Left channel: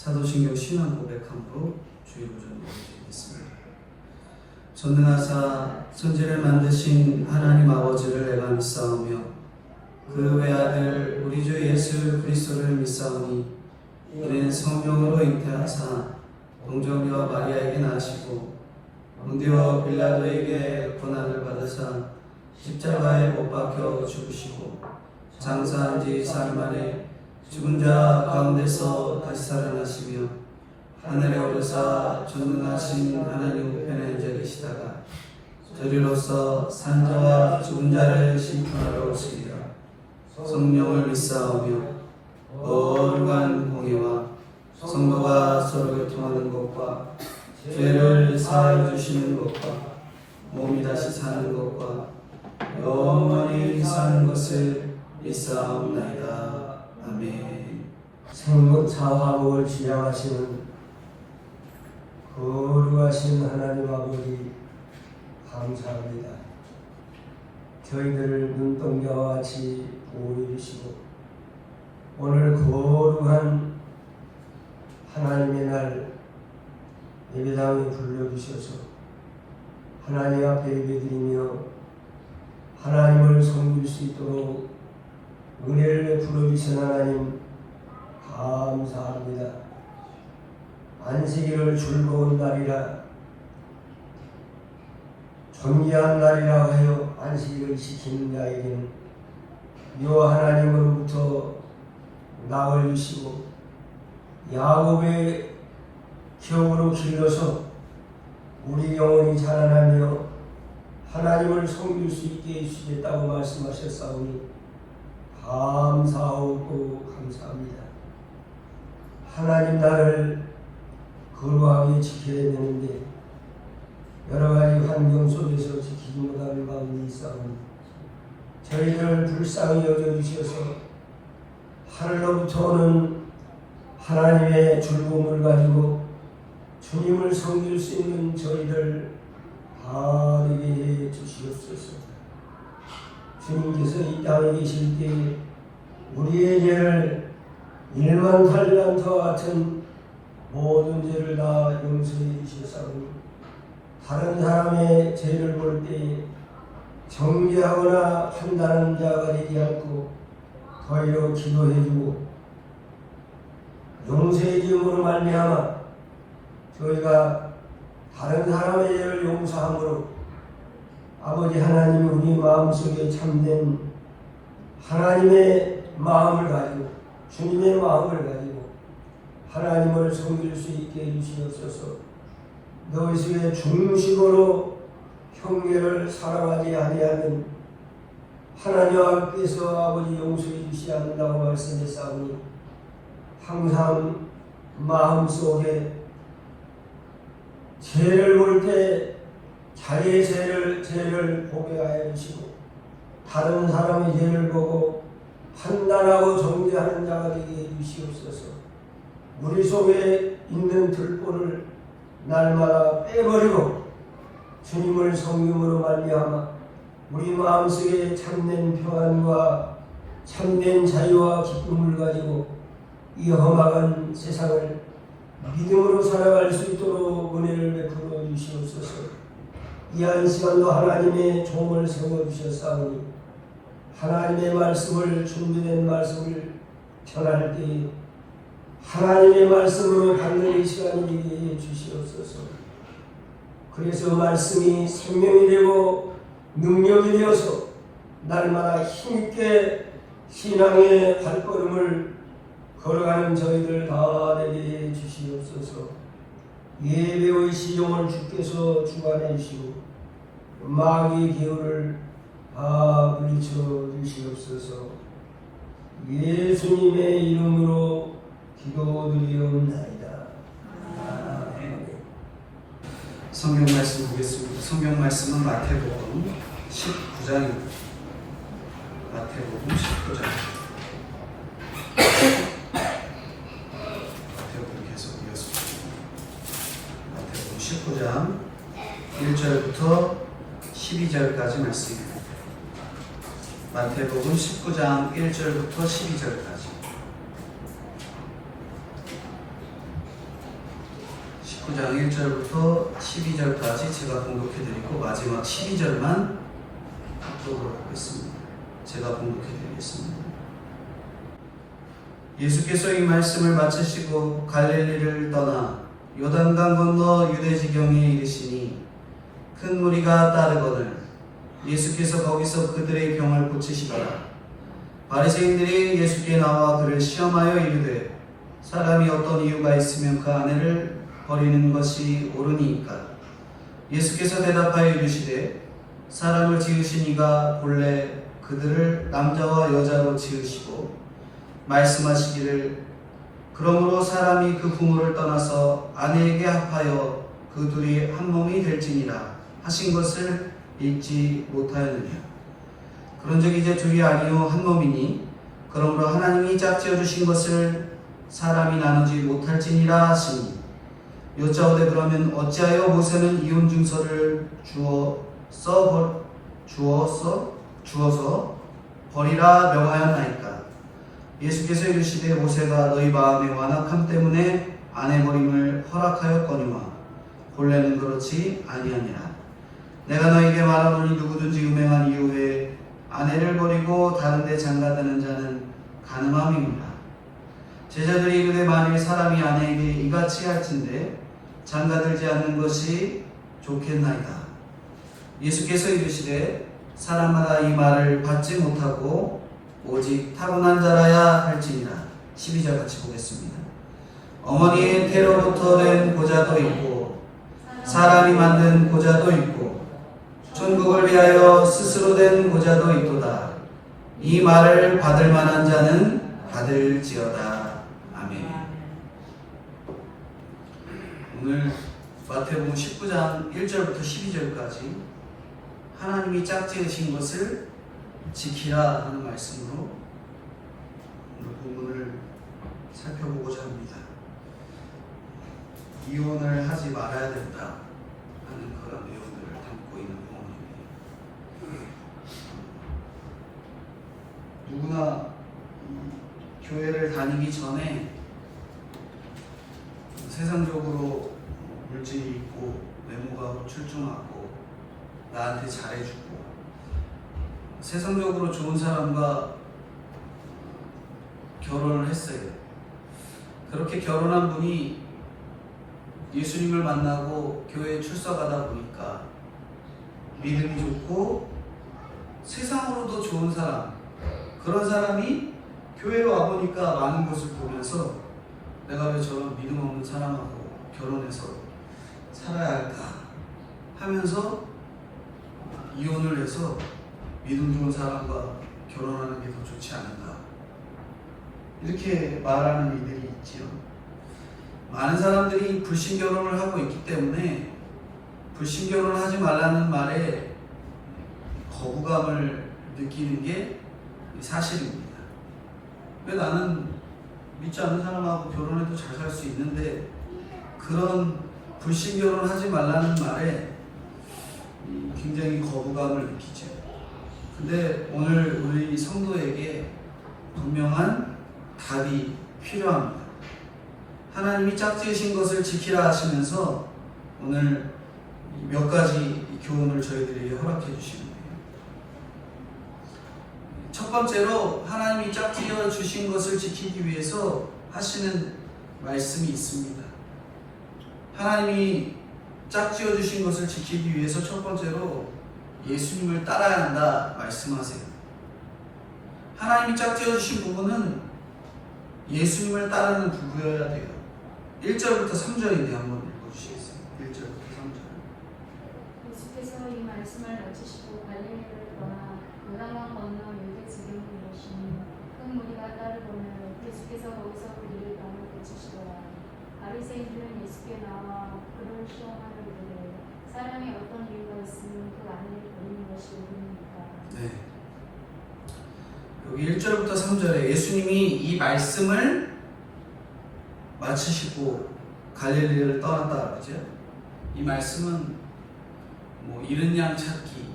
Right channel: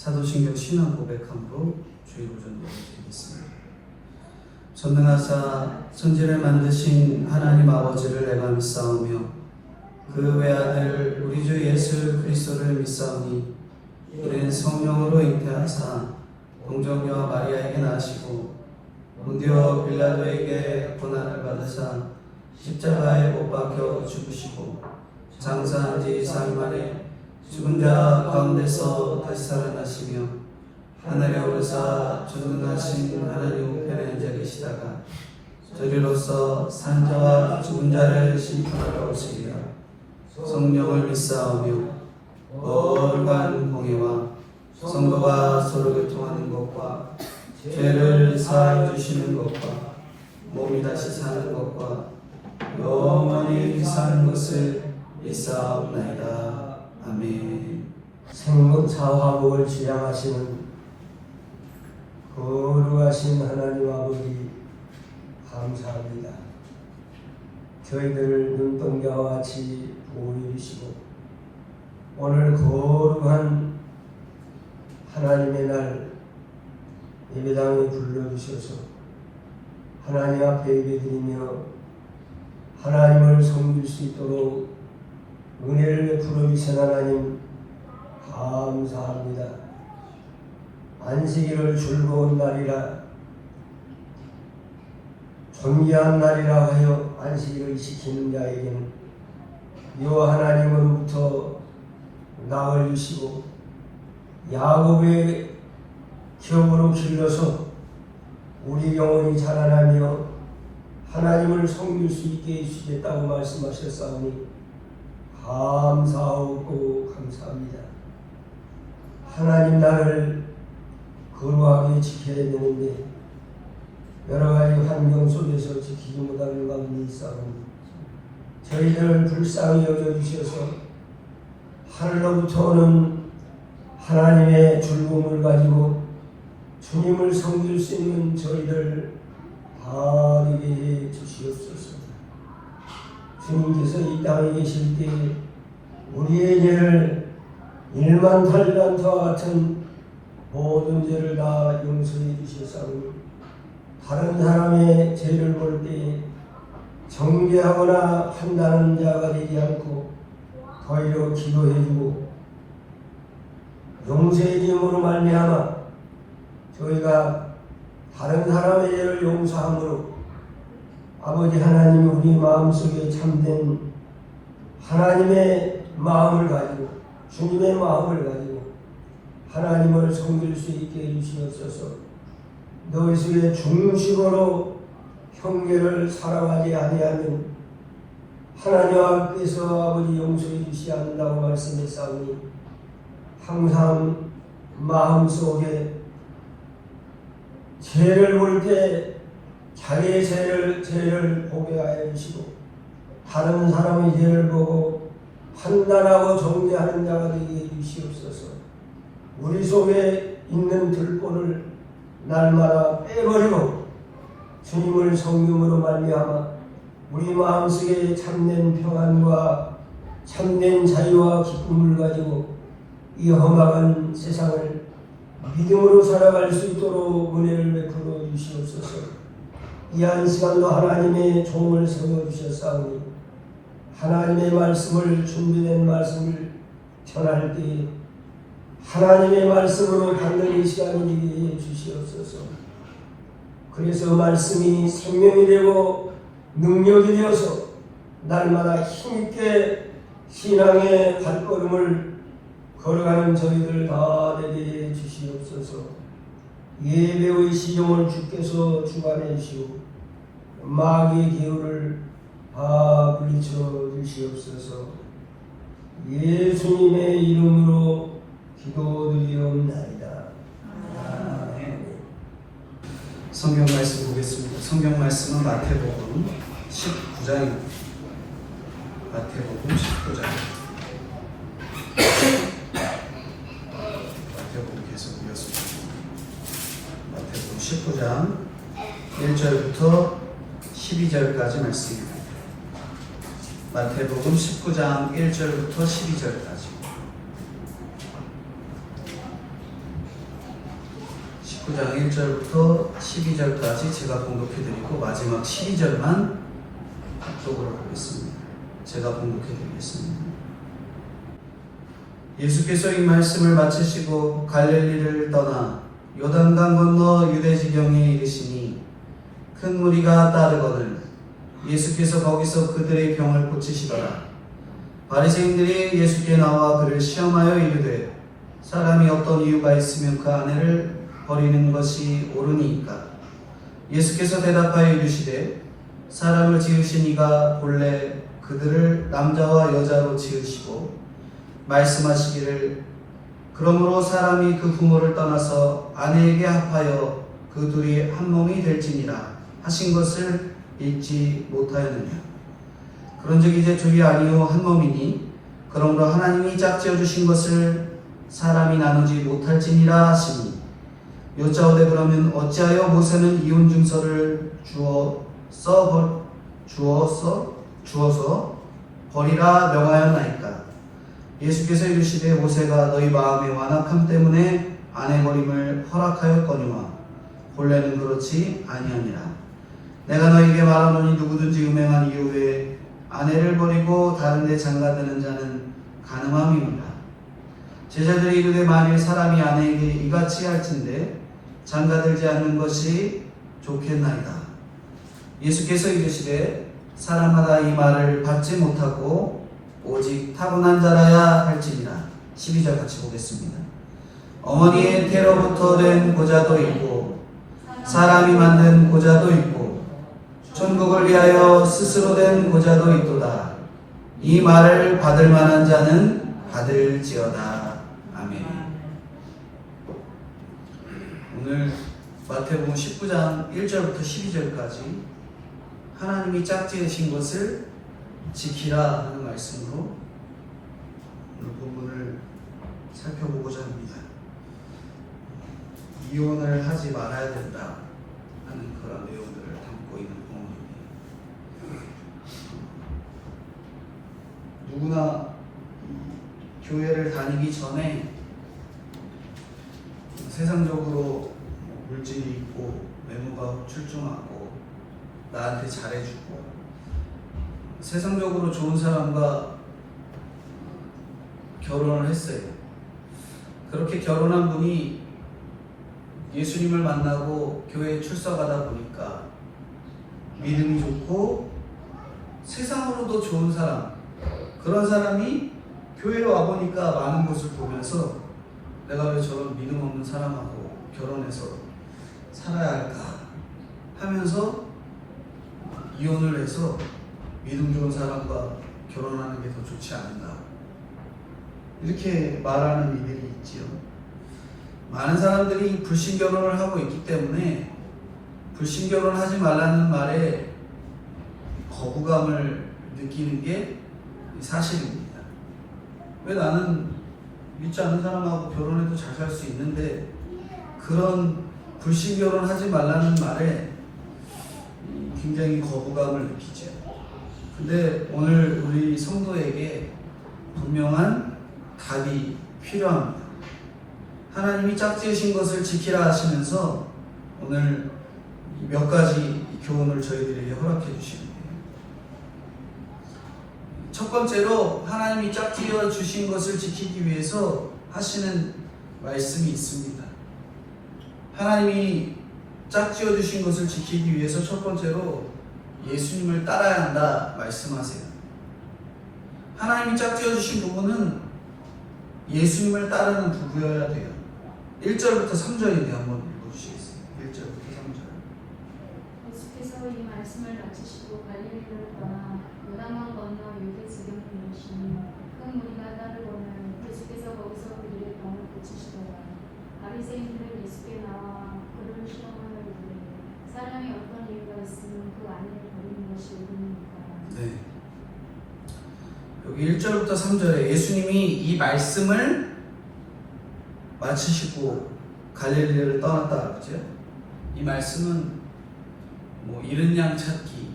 사도신경 신앙 고백함으로 주일오전 드리겠습니다. 전능하사 천지를 만드신 하나님 아버지를 내가 믿사오며 그 외아들 우리 주 예수 그리스도를 믿사오니 이는 성령으로 잉태하사 동정녀 마리아에게 나시고 본디오 빌라도에게 고난을 받으사 십자가에 못 박혀 죽으시고 장사한 지 사흘 만에 죽은 자 가운데서 다시 살아나시며 하늘에 오르사 전능하신 하나님 우편에 앉아 계시다가 저리로서 산 자와 죽은 자를 심판하러 오시리라. 성령을 믿사오며 거룩한 공의와 성도가 서로 교통하는 것과 죄를 사하여 주시는 것과 몸이 다시 사는 것과 영원히 사는 것을 믿사옵나이다. 아멘. 생사화복을 지향하시는 거룩하신 하나님 아버지 감사합니다. 저희들을 눈동자와 같이 보호해주시고 오늘 거룩한 하나님의 날 예배당에 불러주셔서 하나님 앞에 예배드리며 하나님을 섬길 수 있도록 은혜를 베풀어 주신 하나님 감사합니다. 안식일을 즐거운 날이라 존귀한 날이라 하여 안식일을 지키는 자에게는 요 하나님으로부터 낙을 주시고 야곱의 기업으로 길러서 우리 영혼이 자라나며 하나님을 섬길 수 있게 해주시겠다고 말씀하셨사오니 감사하고 감사합니다. 하나님 나를 거룩하게 지켜야 되는데 여러 가지 환경 속에서 지키지 못하는 가운데 있사오니 저희들을 불쌍히 여겨주셔서 하늘로부터 오는 하나님의 즐거움을 가지고 주님을 섬길 수 있는 저희를 다 되게 해 주시옵소서. 주님께서 이 땅에 계실 때 우리의 죄를 1만 달란트와 같은 모든 죄를 다 용서해 주셨사오니 다른 사람의 죄를 볼 때 정죄하거나 판단하는 자가 되지 않고 더이로 기도해주고 용서해 주므로 말미암아 저희가 다른 사람의 죄를 용서함으로 아버지 하나님 우리 마음속에 참된 하나님의 마음을 가지고 주님의 마음을 가지고 하나님을 섬길 수 있게 해주시옵소서. 너희들의 중심으로 형제를 사랑하지 아니하는 하나님 앞에서 아버지 용서해 주시지 않는다고 말씀했사오니 항상 마음속에 죄를 볼 때 자기의 죄를 고백하여 주시고 다른 사람의 죄를 보고 판단하고 정죄하는 자가 되게 해 주시옵소서. 우리 속에 있는 들보를 날마다 빼버리고 주님을 섬김으로 말미암아 우리 마음속에 참된 평안과 참된 자유와 기쁨을 가지고 이 험악한 세상을 믿음으로 살아갈 수 있도록 은혜를 베풀어 주시옵소서. 이 한 시간도 하나님의 종을 세워주셨사오니 하나님의 말씀을 준비된 말씀을 전할 때 하나님의 말씀으로 받는 이 시간이 되게 해 주시옵소서. 그래서 말씀이 생명이 되고 능력이 되어서 날마다 힘있게 신앙의 발걸음을 걸어가는 저희들 다 되게 해 주시옵소서. 예배의 시종을 주께서 주관해 주시고 마귀의 기운을 다 물리쳐 주시옵소서. 예수님의 이름으로 기도드리옵나이다. 아멘. 성경 말씀 보겠습니다. 성경 말씀은 마태복음 19장입니다. 마태복음 19장. 마태복음 계속 이어집니다. 마태복음 19장 1절부터 12절까지 말씀입니다. 마태복음 19장 1절부터 12절까지. 19장 1절부터 12절까지 제가 봉독해드리고 마지막 12절만 합독으로 보겠습니다. 제가 봉독해드리겠습니다. 예수께서 이 말씀을 마치시고 갈릴리를 떠나 요단강 건너 유대 지경에 이르시니 큰 무리가 따르거늘 예수께서 거기서 그들의 병을 고치시더라. 바리새인들이 예수께 나와 그를 시험하여 이르되 사람이 어떤 이유가 있으면 그 아내를 버리는 것이 옳으니까. 예수께서 대답하여 이르시되 사람을 지으신 이가 본래 그들을 남자와 여자로 지으시고 말씀하시기를 그러므로 사람이 그 부모를 떠나서 아내에게 합하여 그 둘이 한 몸이 될지니라 하신 것을 읽지 못하였느냐. 그런즉 이제 둘이 아니요 한 몸이니 그러므로 하나님이 짝지어 주신 것을 사람이 나누지 못할지니라 하시니 여짜오되 그러면 어찌하여 모세는 이혼 증서를 주어서 버리라 명하였나이까. 예수께서 이르시되 모세가 너희 마음의 완악함 때문에 아내 버림을 허락하였거니와 본래는 그렇지 아니하니라. 내가 너희에게 말하노니 누구든지 음행한 이후에 아내를 버리고 다른 데 장가드는 자는 간음함이니라. 제자들이 이르되 만일 사람이 아내에게 이같이 할진대 장가들지 않는 것이 좋겠나이다. 예수께서 이르시되 사람마다 이 말을 받지 못하고 오직 타고난 자라야 할지니라. 12절 같이 보겠습니다. 어머니의 태로부터 된 고자도 있고 사람이 만든 고자도 있고 천국을 위하여 스스로 된 고자도 있도다. 이 말을 받을 만한 자는 받을지어다. 아멘. 오늘 마태복음 19장 1절부터 12절까지 하나님이 짝지으신 것을 지키라 하는 말씀으로 오늘 본문을 살펴보고자 합니다. 이혼을 하지 말아야 된다 하는 그런 내용들을 담고 있는 본문입니다. 누구나 교회를 다니기 전에 세상적으로 물질이 있고 외모가 출중하고 나한테 잘해주고 세상적으로 좋은 사람과 결혼을 했어요. 그렇게 결혼한 분이 예수님을 만나고 교회에 출석하다 보니까 믿음이 좋고 세상으로도 좋은 사람, 그런 사람이 교회에 와보니까 많은 것을 보면서 내가 왜 저런 믿음 없는 사람하고 결혼해서 살아야 할까 하면서 이혼을 해서 믿음 좋은 사람과 결혼하는 게 더 좋지 않은가, 이렇게 말하는 이들이 있지요. 많은 사람들이 불신결혼을 하고 있기 때문에 불신결혼을 하지 말라는 말에 거부감을 느끼는 게 사실입니다. 왜 나는 믿지 않는 사람하고 결혼해도 잘 살 수 있는데 그런 불신결혼 하지 말라는 말에 굉장히 거부감을 느끼죠. 근데 오늘 우리 성도에게 분명한 답이 필요합니다. 하나님이 짝지으신 것을 지키라 하시면서 오늘 몇 가지 교훈을 저희들에게 허락해 주시는데요. 첫 번째로 하나님이 짝지어 주신 것을 지키기 위해서 하시는 말씀이 있습니다. 하나님이 짝지어 주신 것을 지키기 위해서 첫 번째로 예수님을 따라야 한다 말씀하세요. 하나님이 짝지어 주신 부분은 예수님을 따르는 부부여야 돼요. 1절부터 3절인데 한번 읽어주시겠어요? 1절부터 3절. 예수께서 이 말씀을 마치시고 갈릴리를 떠나 요단강 건너 유대 지경에 이르시니 큰 무리가 따르거늘 예수께서 거기서 그들의 병을 고치시더라. 바리새인들은 예수께 나와 그를 시험하여 이르되 사람이 어떤 이유가 있으면 그 아내를 버리는 것이 옳으니까. 네. 여기 1절부터 3절에 예수님이 이 말씀을 마치시고 갈릴리를 떠났다 그러죠. 이 말씀은 뭐 잃은 양 찾기,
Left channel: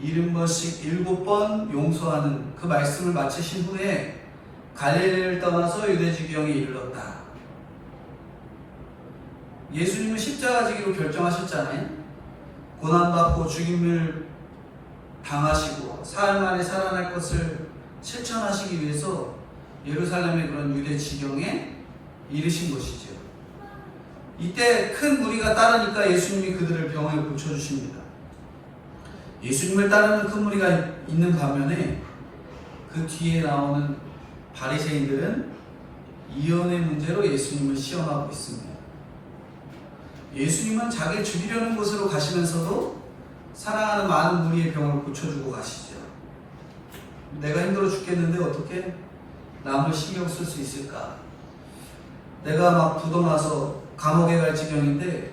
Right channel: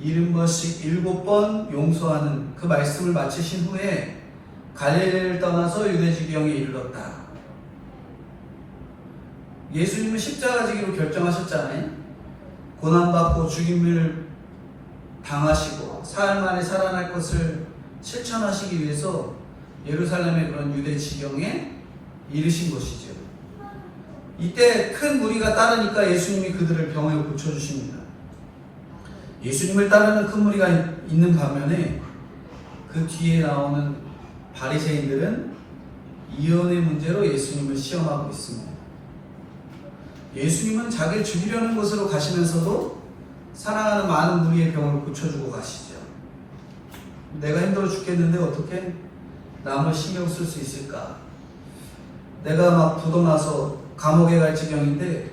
잃은 것씩 7번 용서하는 그 말씀을 마치신 후에 갈릴리를 떠나서 유대 지경에 이르렀다. 예수님은 십자가 지기로 결정하셨잖아요. 고난받고 죽임을 당하시고 사흘 만에 살아날 것을 실천하시기 위해서 예루살렘의 그런 유대 지경에 이르신 것이죠. 이때 큰 무리가 따르니까 예수님이 그들을 병을 고쳐주십니다. 예수님을 따르는 큰 무리가 있는 반면에 그 뒤에 나오는 바리새인들은 이혼의 문제로 예수님을 시험하고 있습니다. 예수님은 자기를 죽이려는 곳으로 가시면서도 사랑하는 많은 무리의 병을 고쳐주고 가시죠. 내가 힘들어 죽겠는데 어떻게 남을 신경 쓸 수 있을까? 내가 막 부도 나서 감옥에 갈 지경인데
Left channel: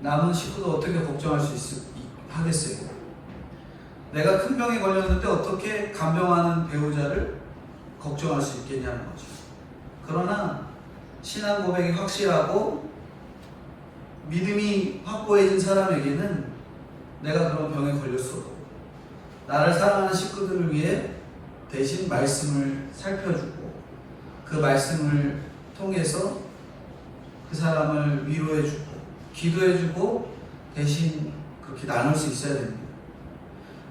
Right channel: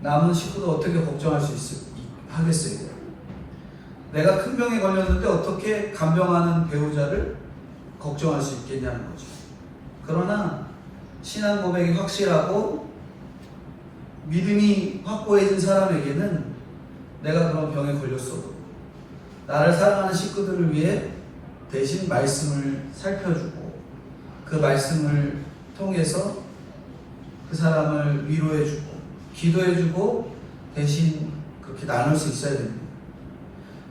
남은 식구도 어떻게 걱정할 수 하겠어요? 내가 큰 병에 걸렸는데 어떻게 간병하는 배우자를 걱정할 수 있겠냐는 거죠. 그러나 신앙 고백이 확실하고 믿음이 확고해진 사람에게는 내가 그런 병에 걸렸어도 나를 사랑하는 식구들을 위해 대신 말씀을 살펴주고 그 말씀을 통해서 그 사람을 위로해주고 기도해주고 대신 그렇게 나눌 수 있어야 됩니다.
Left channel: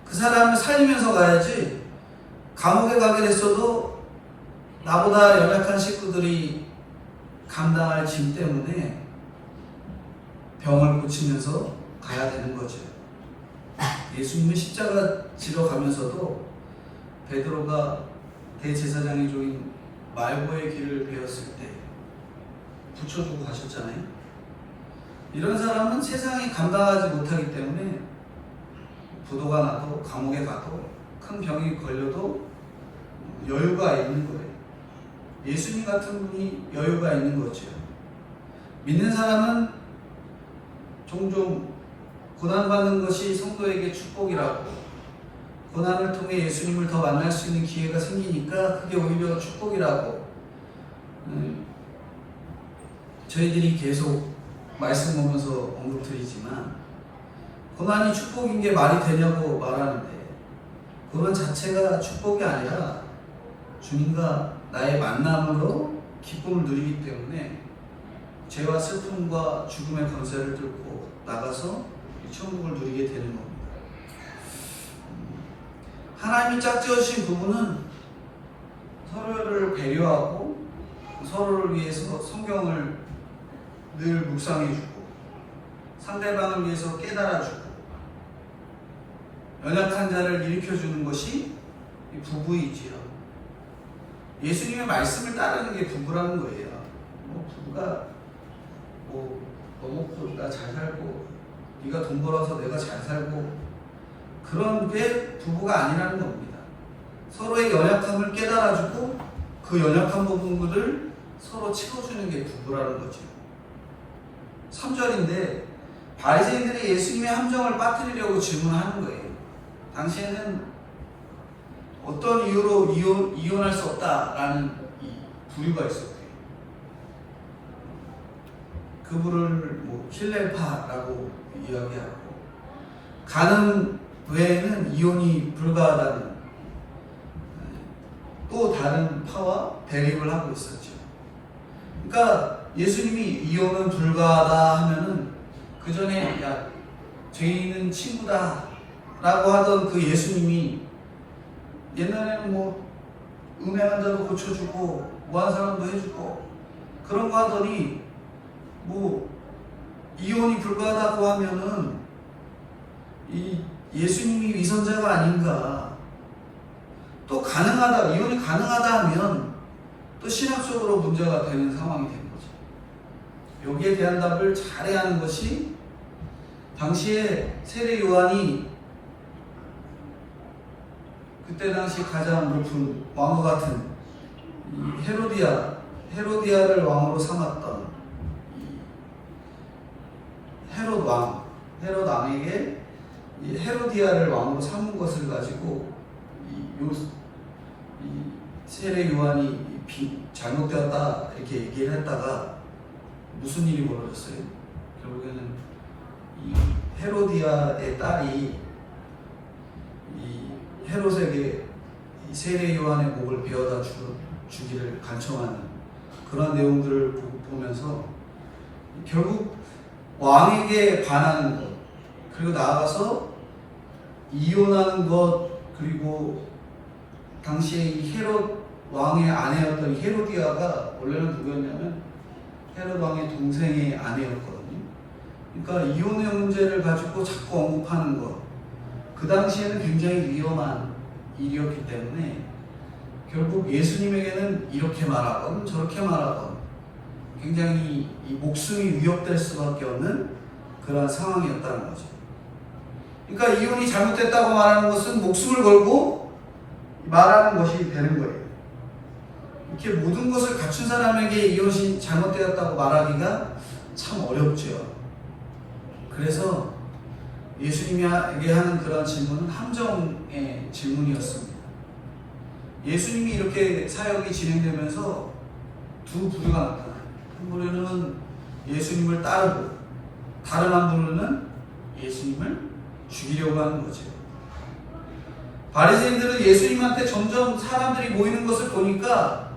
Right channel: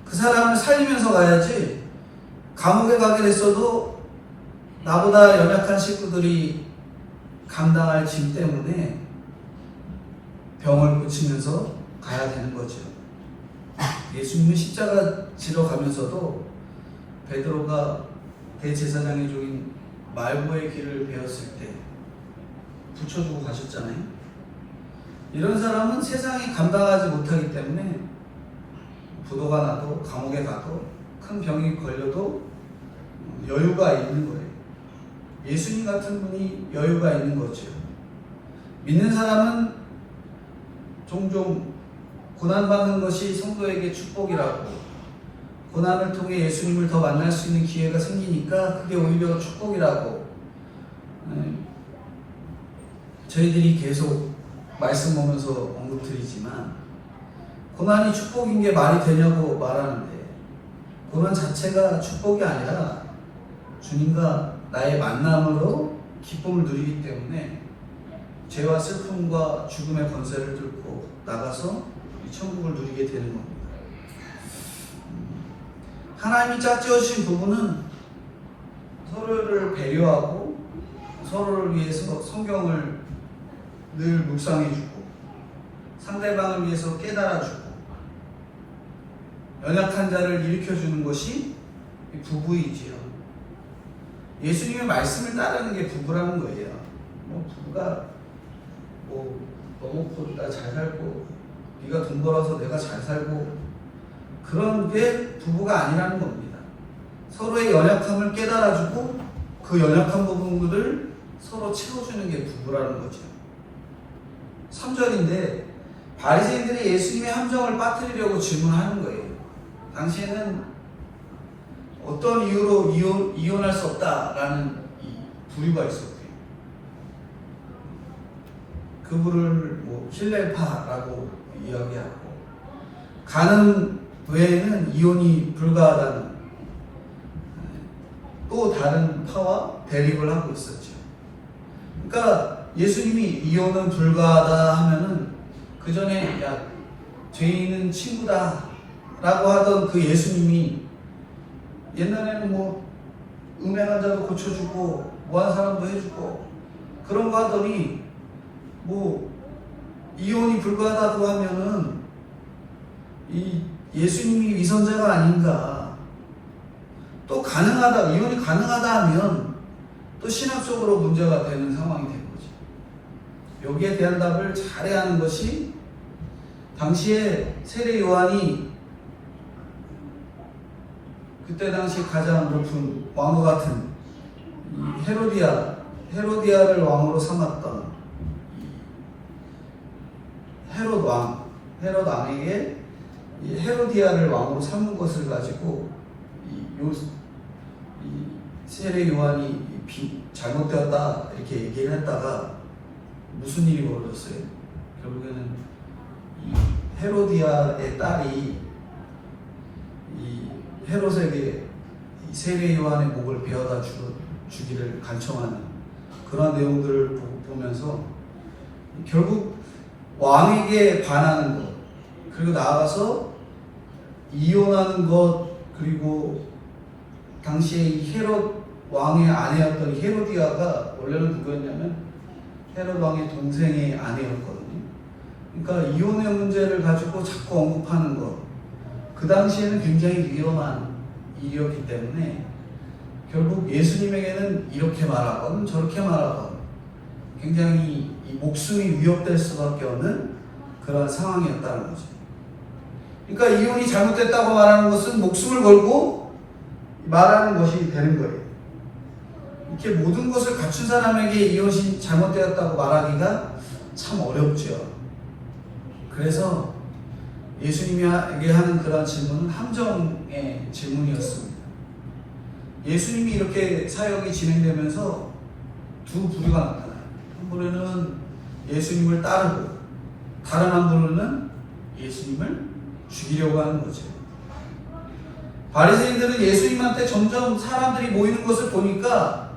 그 사람을 살리면서 가야지 감옥에 가게 됐어도 나보다 연약한 식구들이 감당할 짐 때문에 병을 고치면서 가야 되는 거죠. 예수님은 십자가 지러 가면서도 베드로가 대제사장의 종인 말고의 길을 배웠을 때 붙여주고 가셨잖아요. 이런 사람은 세상이 감당하지 못하기 때문에 부도가 나도 감옥에 가도 큰 병이 걸려도 여유가 있는 거예요. 예수님 같은 분이 여유가 있는 거죠. 믿는 사람은 종종 고난받는 것이 성도에게 축복이라고, 고난을 통해 예수님을 더 만날 수 있는 기회가 생기니까 그게 오히려 축복이라고 저희들이 계속 말씀 보면서 언급드리지만, 고난이 축복인 게 말이 되냐고 말하는데 고난 자체가 축복이 아니라 주님과 나의 만남으로 기쁨을 누리기 때문에 죄와 슬픔과 죽음의 권세를 뚫고 나가서 이 천국을 누리게 되는 겁니다. 하나님이 짝지어주신 부부는 서로를 배려하고 서로를 위해서 성경을 늘 묵상해주고 상대방을 위해서 깨달아주고 연약한 자를 일으켜주는 것이 부부이지요. 예수님의 말씀을 따르는 게 부부라는 거예요. 부부가 너 먹고 나 잘 살고 네가 돈 벌어서 내가 잘 살고 그런 게 부부가 아니라는 겁니다. 서로의 연약함을 깨달아주고 그 연약한 부분들을 서로 채워주는 게 부부라는 거죠. 3절인데 바리새인들이 예수님의 함정을 빠뜨리려고 질문하는 거예요. 당시에는 어떤 이유로 이혼할 수 없다라는 부류가 있었고요. 그 부를 힐렐파라고 이야기하고, 가늠 외에는 이혼이 불가하다는 또 다른 파와 대립을 하고 있었죠. 그러니까 예수님이 이혼은 불가하다 하면은 그 전에 죄인은 친구다 라고 하던 그 예수님이 옛날에는 음행한 자도 고쳐주고 뭐한 사람도 해주고 그런 거 하더니 이혼이 불가하다고 하면은 이 예수님이 위선자가 아닌가, 또 이혼이 가능하다 하면 또 신학적으로 문제가 되는 상황이 된 거죠. 여기에 대한 답을 잘해야 하는 것이 당시에 세례 요한이 그때 당시 가장 높은 왕과 같은 헤로디아를 왕으로 삼았던 헤롯 왕에게 헤로디아를 왕으로 삼은 것을 가지고 세례 요한이 잘못되었다 이렇게 얘기를 했다가 무슨 일이 벌어졌어요? 결국에는 이 헤로디아의 딸이 이 헤롯에게 세례 요한의 목을 베어다 주기를 간청하는 그런 내용들을 보면서 결국 왕에게 반하는 것, 그리고 나아가서 이혼하는 것, 그리고 당시에 이 헤롯 왕의 아내였던 이 헤로디아가 원래는 누구였냐면 헤롯 왕의 동생의 아내였거든요. 그러니까 이혼의 문제를 가지고 자꾸 언급하는 것, 그 당시에는 굉장히 위험한 일이었기 때문에 결국 예수님에게는 이렇게 말하건 저렇게 말하건 굉장히 이 목숨이 위협될 수밖에 없는 그런 상황이었다는 거죠. 그러니까 이혼이 잘못됐다고 말하는 것은 목숨을 걸고 말하는 것이 되는 거예요. 이렇게 모든 것을 갖춘 사람에게 이혼이 잘못되었다고 말하기가 참 어렵죠. 그래서 예수님에게 하는 그런 질문은 함정의 질문이었습니다. 예수님이 이렇게 사역이 진행되면서 두 부류가 나타나요. 한 부류는 예수님을 따르고 다른 한 부류는 예수님을 죽이려고 하는 거죠. 바리새인들은 예수님한테 점점 사람들이 모이는 것을 보니까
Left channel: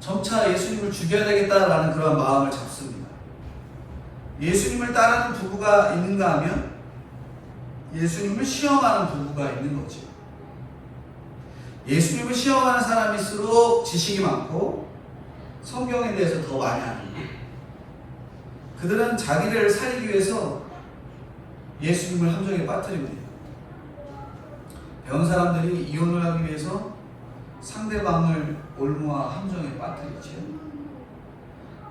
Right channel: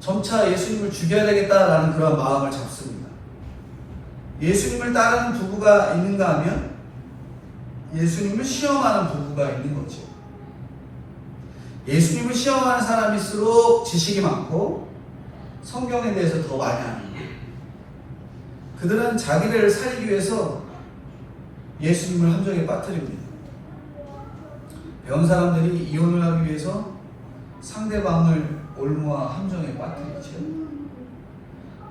점차 예수님을 죽여야 되겠다라는 그런 마음을 잡습니다. 예수님을 따르는 부부가 있는가 하면 예수님을 시험하는 부부가 있는 거죠. 예수님을 시험하는 사람일수록 지식이 많고 성경에 대해서 더 많이 아는 거예요. 그들은 자기를 살리기 위해서 예수님을 함정에 빠뜨립니다. 배운 사람들이 이혼을 하기 위해서 상대방을 올무와 함정에 빠뜨리죠.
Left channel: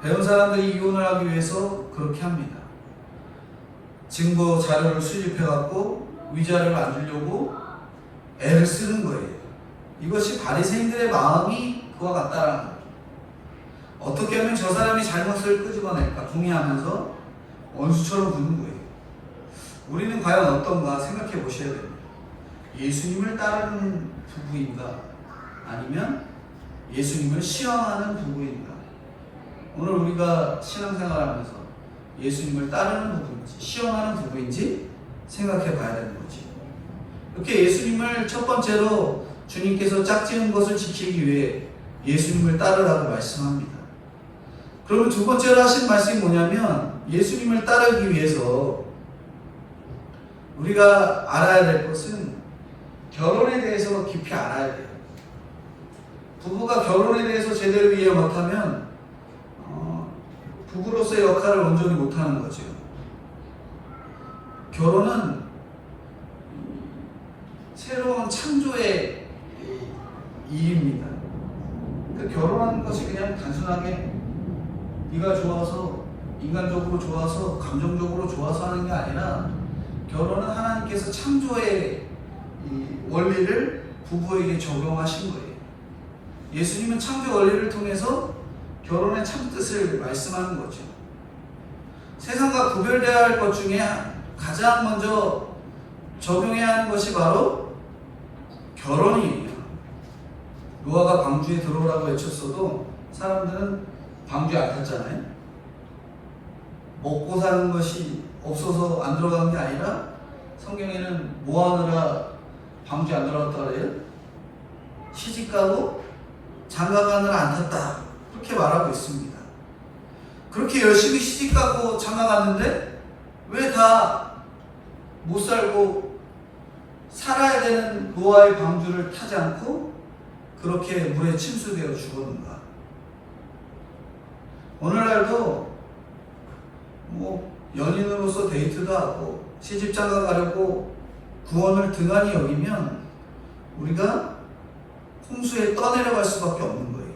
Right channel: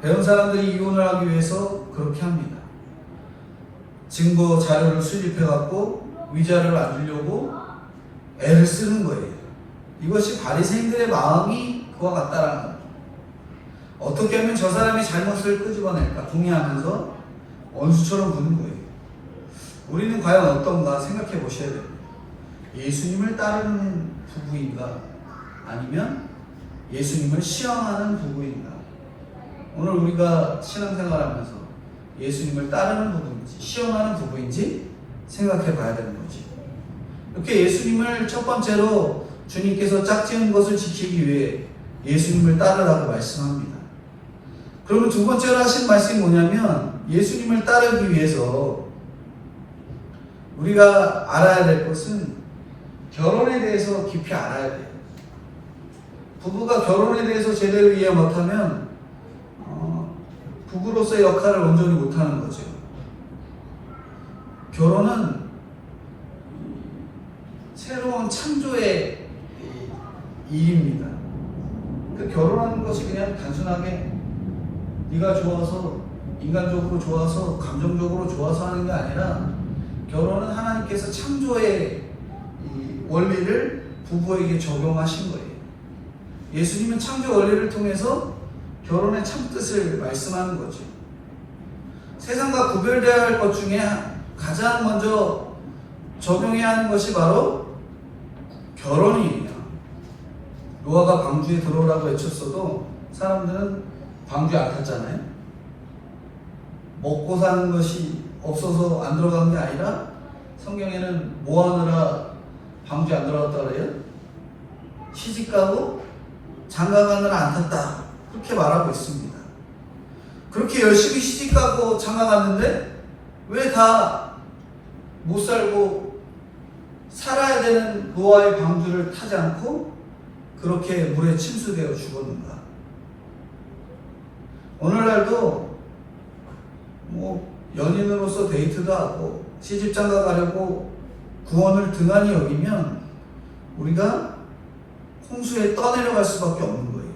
배운 사람들이 이혼을 하기 위해서 그렇게 합니다. 증거 자료를 수집해갖고 위자료를 안 주려고 애를 쓰는 거예요. 이것이 바리새인들의 마음이 그와 같다라는 거예요. 어떻게 하면 저 사람이 잘못을 끄집어낼까 동의하면서 원수처럼 구는 거예요. 우리는 과연 어떤가 생각해 보셔야 됩니다. 예수님을 따르는 부부인가 아니면 예수님을 시험하는 부부인가. 오늘 우리가 신앙생활하면서 예수님을 따르는 부부인지 시험하는 부부인지 생각해 봐야 되는 거지. 이렇게 예수님을 첫 번째로 주님께서 짝지은 것을 지키기 위해 예수님을 따르라고 말씀합니다. 그러면 두 번째로 하신 말씀이 뭐냐면 예수님을 따르기 위해서 우리가 알아야 될 것은 결혼에 대해서 깊이 알아야 돼요. 부부가 결혼에 대해서 제대로 이해 못하면 부부로서의 역할을 온전히 못하는 거죠. 결혼은 새로운 창조의 일입니다. 그 결혼하는 것이 그냥 단순하게 네가 좋아서 인간적으로 좋아서 감정적으로 좋아서 하는 게 아니라 결혼은 하나님께서 창조의 이 원리를 부부에게 적용하신 거예요. 예수님은 창조 원리를 통해서 결혼의 참뜻을 말씀하는 거죠. 세상과 구별되어야 할 것 중에 가장 먼저 적용해야 하는 것이 바로 결혼이에요. 노아가 광주에 들어오라고 외쳤어도 사람들은 광주에 안 탔잖아요. 먹고 사는 것이 없어서 안 들어간 게 아니라 성경에는 뭐 하느라 광주에 안 들어갔다 그래요? 시집가고 장가가느라 안 탔다. 그렇게 말하고 있습니다. 그렇게 열심히 시집가고 장가갔는데 왜 다 못 살고 살아야 되는 노아의 방주를 타지 않고 그렇게 물에 침수되어 죽었는가? 오늘날도 뭐 연인으로서 데이트도 하고 시집장가 가려고 구원을 등한히 여기면 우리가 홍수에 떠내려갈 수밖에 없는 거예요.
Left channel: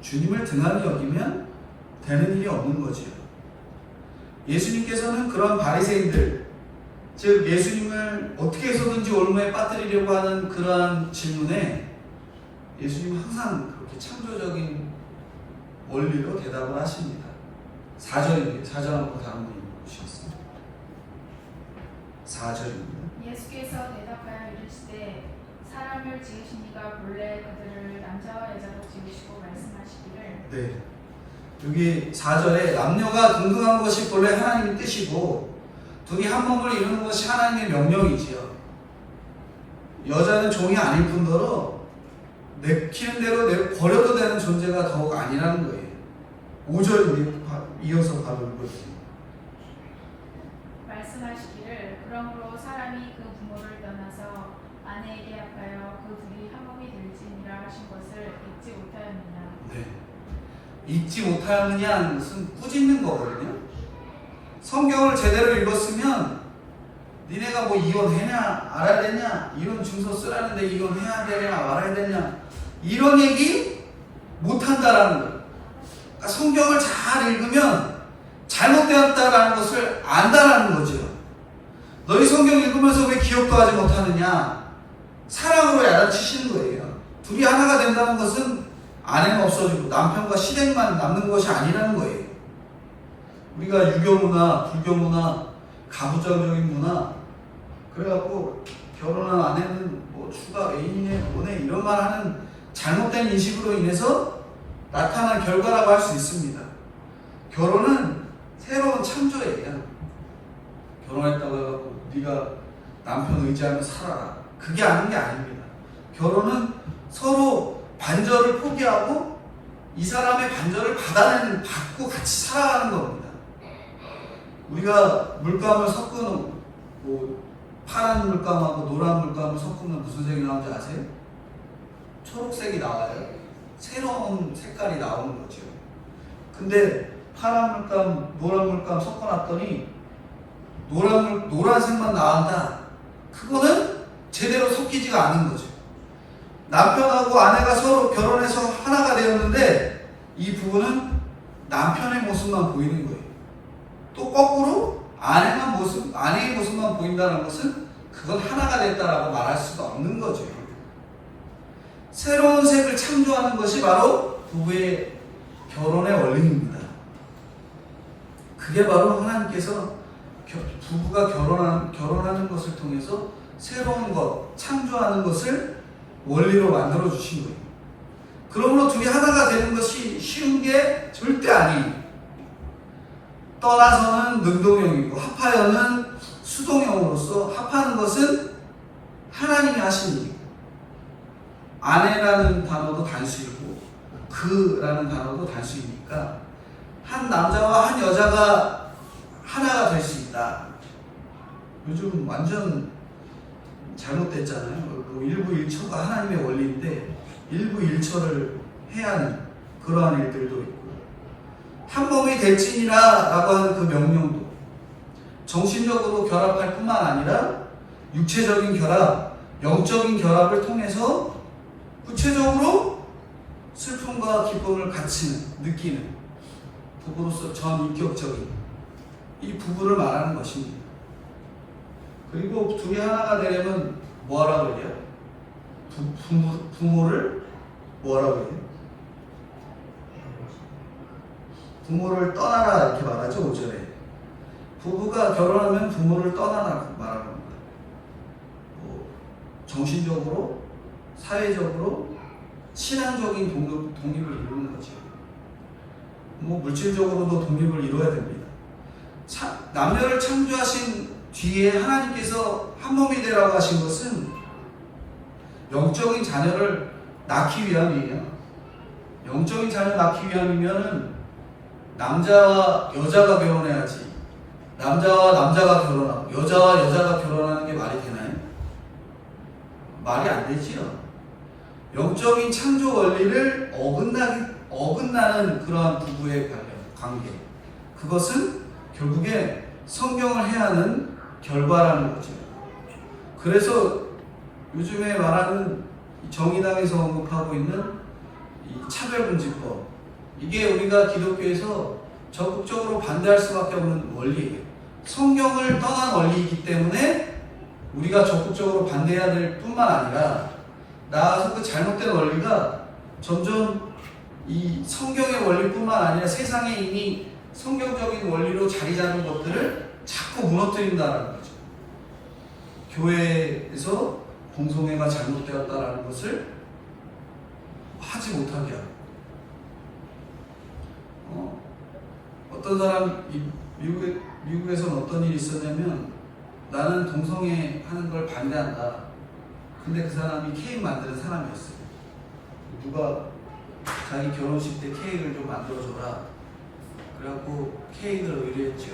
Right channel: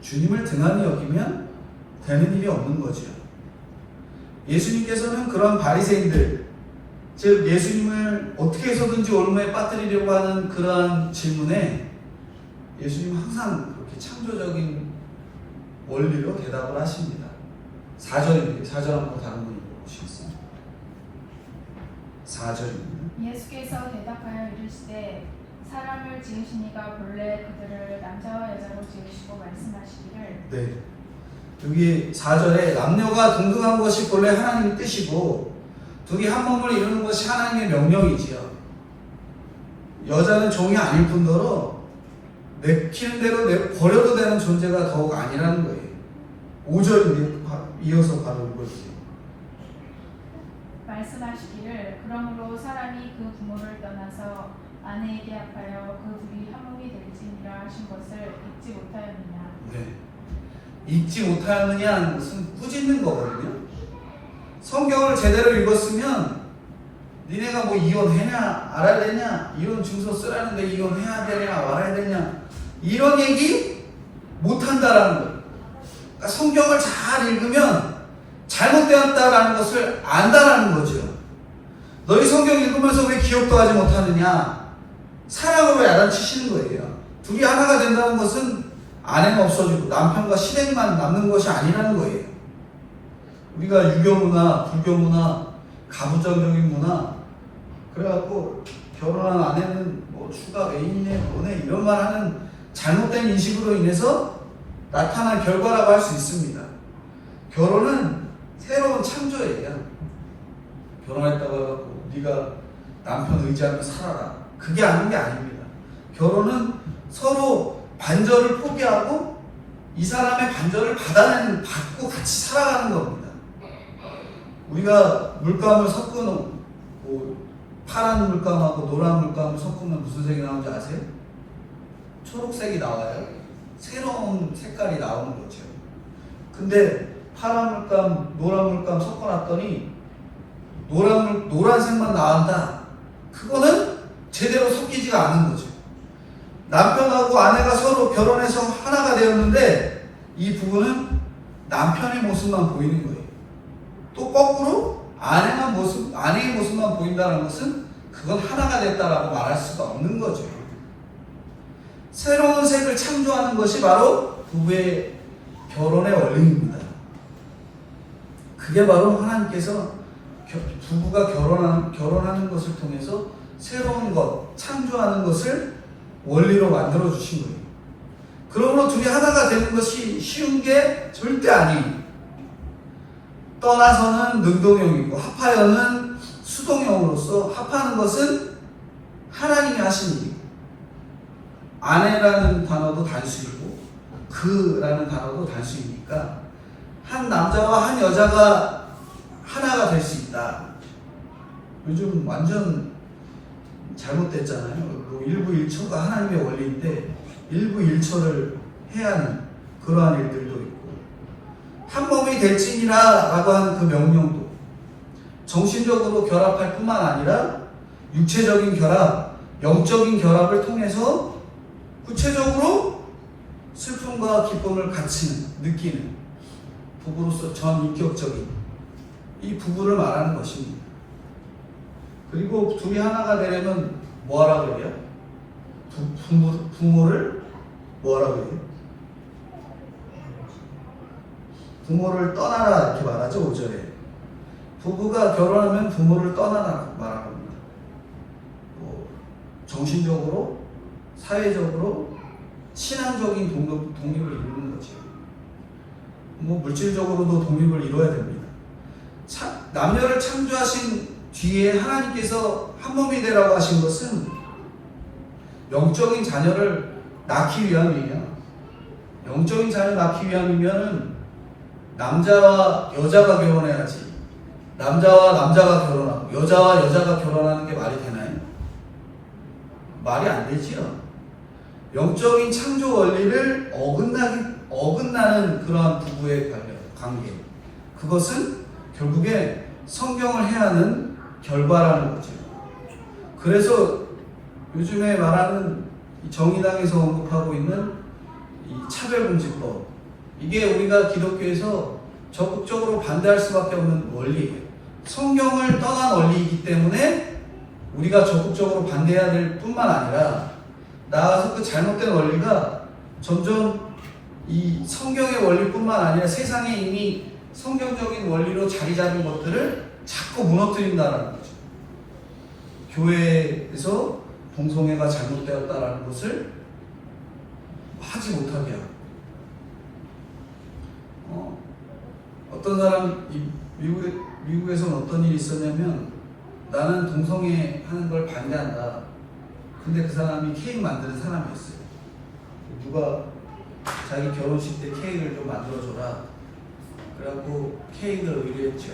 주님을 등한히 여기면 되는 일이 없는 거죠. 예수님께서는 그런 바리새인들, 즉 예수님을 어떻게 해서든지 올무에 빠뜨리려고 하는 그러한 질문에 예수님은 항상 그렇게 창조적인 원리로 대답을 하십니다. 4절입니다. 4절 한번 다른 분이 보시겠습니다. 4절입니다. 예수께서 대답하여 이르시되 사람을 지으시니가 본래 그들을 남자와 여자로 지으시고 말씀하시기를. 네. 여기 4절에 남녀가 동등한 것이 본래 하나님의 뜻이고 둘이 한 몸을 이루는 것이 하나님의 명령이지요. 여자는 종이 아닐 뿐더러 내키는 대로 버려도 되는 존재가 더욱 아니라는 거예요. 5절인데 이어서 바로 읽어주세요. 말씀하시기를 그러므로 사람이 그 부모를 떠나서 아내에게 합하여 그 둘이 한 몸이 될지니라 하신 것을 잊지 못하였느냐. 네. 읽지 못하느냐는 것은 꾸짖는 거거든요. 성경을 제대로 읽었으면 니네가 뭐 이혼해냐 알아야 되냐, 이혼 증서 쓰라는데 이혼해야 되냐 말아야 되냐, 이런 얘기 못한다라는 거예요. 그러니까 성경을 잘 읽으면 잘못되었다라는 것을 안다라는 거죠. 너희 성경 읽으면서 왜 기억도 하지 못하느냐, 사랑으로 야단치시는 거예요. 둘이 하나가 된다는 것은 아내가 없어지고 남편과 실행만 남는 것이 아니라는 거예요. 우리가 유교문화, 불교문화, 가부장적인 문화, 그래갖고 결혼한 아내는 뭐 추가 애인의 뭐네 이런 말 하는 잘못된 인식으로 인해서 나타난 결과라고 할 수 있습니다. 결혼은 새로운 창조예요. 결혼했다고 해갖고 네가 남편 의지하며 살아라, 그게 아닌 게 아닙니다. 결혼은 서로 반절을 포기하고 이 사람의 반절을 받고 같이 살아가는 겁니다. 우리가 물감을 섞어놓은 뭐 파란 물감하고 노란 물감을 섞으면 무슨 색이 나오는지 아세요? 초록색이 나와요. 새로운 색깔이 나오는 거죠. 근데 파란 물감, 노란 물감 섞어놨더니 노란색만 나온다. 그거는 제대로 섞이지가 않는 거죠. 남편하고 아내가 서로 결혼해서 하나가 되었는데 이 부부는 남편의 모습만 보이는 거예요. 또 거꾸로 아내의 모습만 보인다는 것은 그건 하나가 됐다라고 말할 수가 없는 거죠. 새로운 색을 창조하는 것이 바로 부부의 결혼의 원리입니다. 그게 바로 하나님께서 부부가 결혼하는 것을 통해서 새로운 것, 창조하는 것을 원리로 만들어 주신 거예요. 그러므로 둘이 하나가 되는 것이 쉬운 게 절대 아니에요. 떠나서는 능동형이고 합하여는 수동형으로서, 합하는 것은 하나님이 하신 일이고, 아내라는 단어도 단수이고 그라는 단어도 단수이니까 한 남자와 한 여자가 하나가 될 수 있다. 요즘 완전 잘못됐잖아요. 일부일처가 하나님의 원리인데 일부일처를 해야 하는 그러한 일들도 있고, 한 몸이 될지니라 라고 하는 그 명령도 정신적으로 결합할 뿐만 아니라 육체적인 결합, 영적인 결합을 통해서 구체적으로 슬픔과 기쁨을 같이 느끼는 부부로서 전인격적인 이 부부를 말하는 것입니다. 그리고 둘이 하나가 되려면 뭐하라고 해요? 부모를 뭐하라고 해요? 부모를 떠나라 이렇게 말하죠. 5절에 부부가 결혼하면 부모를 떠나라 말합니다. 정신적으로, 사회적으로, 신앙적인 독립을 이루는 거죠. 물질적으로도 독립을 이루어야 됩니다. 남녀를 창조하신 뒤에 하나님께서 한 몸이 되라고 하신 것은 영적인 자녀를 낳기 위함이에요. 영적인 자녀를 낳기 위함이면 남자와 여자가 결혼해야지, 남자와 남자가 결혼하고 여자와 여자가 결혼하는 게 말이 되나요? 말이 안 되지요. 영적인 창조 원리를 어긋나는 그러한 부부의 관계, 그것은 결국에 성경을 해야 하는 결과라는 거죠. 그래서 요즘에 말하는 정의당에서 언급하고 있는 이 차별금지법, 이게 우리가 기독교에서 적극적으로 반대할 수밖에 없는 원리예요. 성경을 떠난 원리이기 때문에 우리가 적극적으로 반대해야 될 뿐만 아니라, 나아가서 그 잘못된 원리가 점점 이 성경의 원리뿐만 아니라 세상에 이미 성경적인 원리로 자리 잡은 것들을 자꾸 무너뜨린다는 거죠. 교회에서 동성애가 잘못되었다는 것을 하지 못하게 하고, 어떤 사람, 미국에서는 어떤 일이 있었냐면, 나는 동성애 하는 걸 반대한다. 근데 그 사람이 케이크 만드는 사람이었어요. 누가 자기 결혼식 때 케이크를 좀 만들어줘라. 그래갖고 케이크를 의뢰했죠.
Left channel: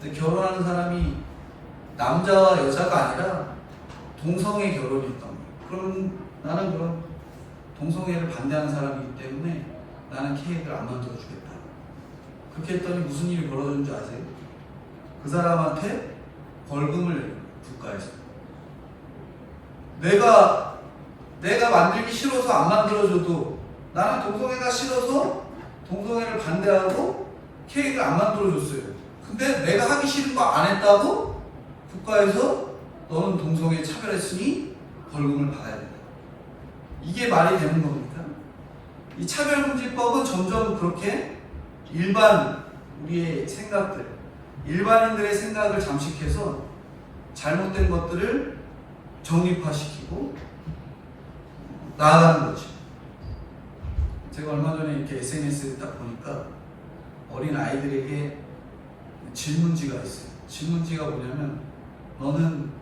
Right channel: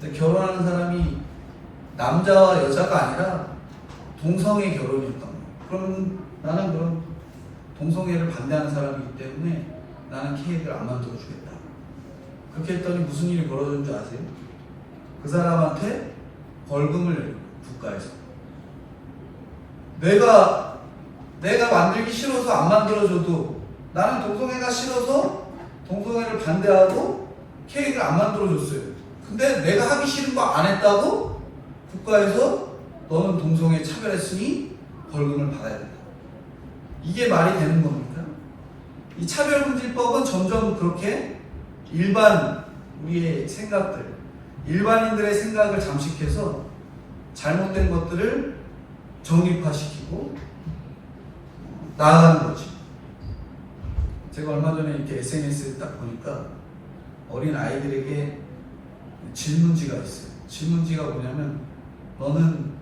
근데 결혼하는 사람이 남자와 여자가 아니라 동성애 결혼이었던 거예요. 그러면 나는 그럼 동성애를 반대하는 사람이기 때문에 나는 케이크를 안 만들어주겠다. 그렇게 했더니 무슨 일이 벌어졌는 줄 아세요? 그 사람한테 벌금을 내는 거예요, 국가에서. 내가 만들기 싫어서 안 만들어줘도, 나는 동성애가 싫어서 동성애를 반대하고 케이크를 안 만들어줬어요. 근데 내가 하기 싫은 거 안 했다고 국가에서 너는 동성애 차별했으니 벌금을 받아야 된다. 이게 말이 되는 겁니까? 이 차별금지법은 점점 그렇게 우리의 생각들, 일반인들의 생각을 잠식해서 잘못된 것들을 정립화시키고 나아가는 거지. 제가 얼마 전에 이렇게 SNS를 딱 보니까 어린 아이들에게 질문지가 있어요. 질문지가 뭐냐면 너는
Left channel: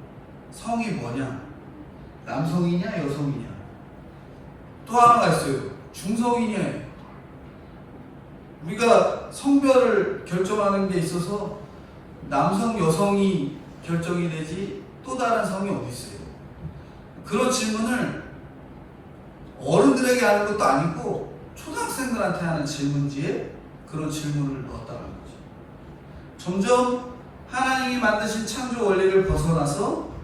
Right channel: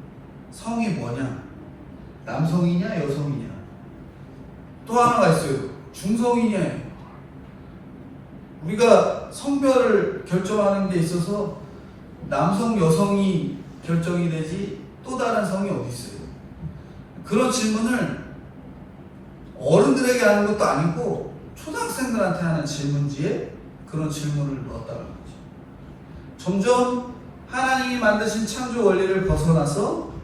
성이 뭐냐? 남성이냐 여성이냐? 또 하나가 있어요. 중성이냐? 우리가 성별을 결정하는 데 있어서 남성, 여성이 결정이 되지 또 다른 성이 어디 있어요? 그런 질문을 어른들에게 하는 것도 아니고 초등학생들한테 하는 질문지에 그런 질문을 넣었다는 거죠. 점점 하나님이 만드신 창조 원리를 벗어나서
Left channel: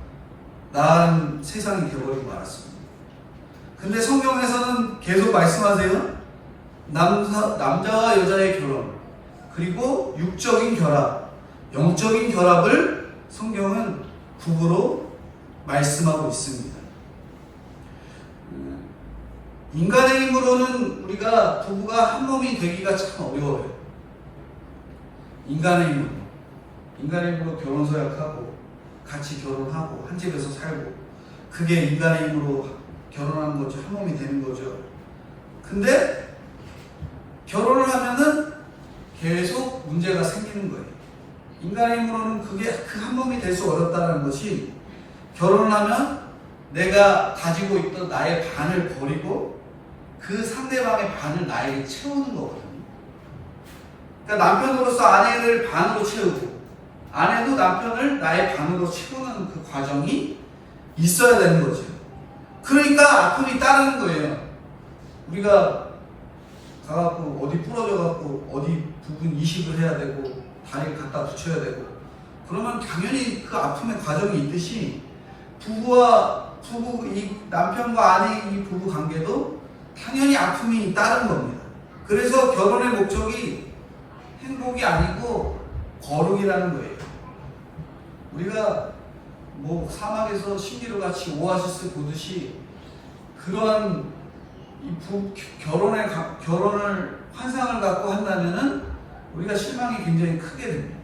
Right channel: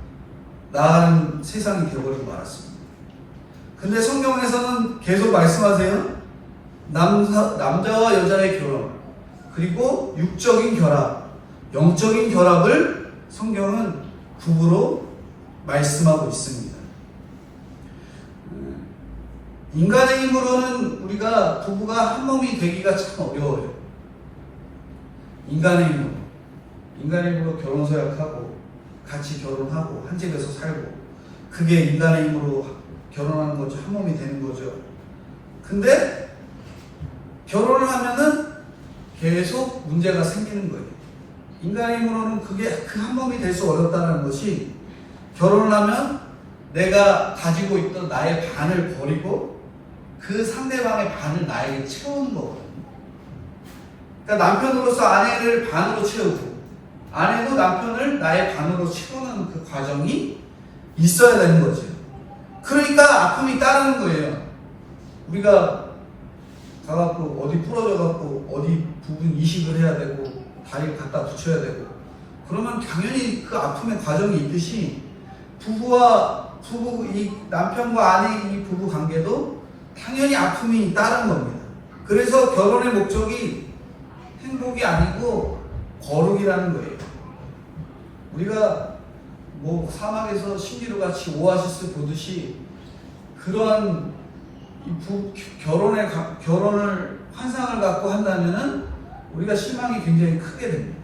나아가는 세상이 되어버리고 말았습니다. 근데 성경에서는 계속 말씀하세요. 남자와 여자의 결혼, 그리고 육적인 결합, 영적인 결합을 성경은 부부로 말씀하고 있습니다. 인간의 힘으로는 우리가 부부가 한 몸이 되기가 참 어려워요. 인간의 힘으로 결혼 서약하고 같이 결혼하고 한 집에서 살고, 그게 인간의 힘으로 결혼하는 거죠. 한 몸이 되는 거죠. 근데 결혼을 하면은 계속 문제가 생기는 거예요. 인간의 힘으로는 그게 그 한 몸이 될 수 어렵다는 것이, 결혼을 하면 내가 가지고 있던 나의 반을 버리고 그 상대방의 반을 나에게 채우는 거거든요. 그러니까 남편으로서 아내를 반으로 채우고 아내도 남편을 나의 반으로 채우는 그 과정이 있어야 되는 거죠. 그러니까 아픔이 따르는 거예요. 우리가 가갖고 어디 부러져갖고 어디 부분 이식을 해야 되고 다리를 갖다 붙여야 되고, 그러면 당연히 그 아픔의 과정이 있듯이 이 남편과 아내 이 부부 관계도 당연히 아픔이 따른 겁니다. 그래서 결혼의 목적이 행복이 아니고 거룩이라는 거예요. 우리가 뭐 사막에서 신비로 같이 오아시스 보듯이 그러한 결혼을 환상을 갖고 한다면은 우리가 실망이 굉장히 크게 됩니다.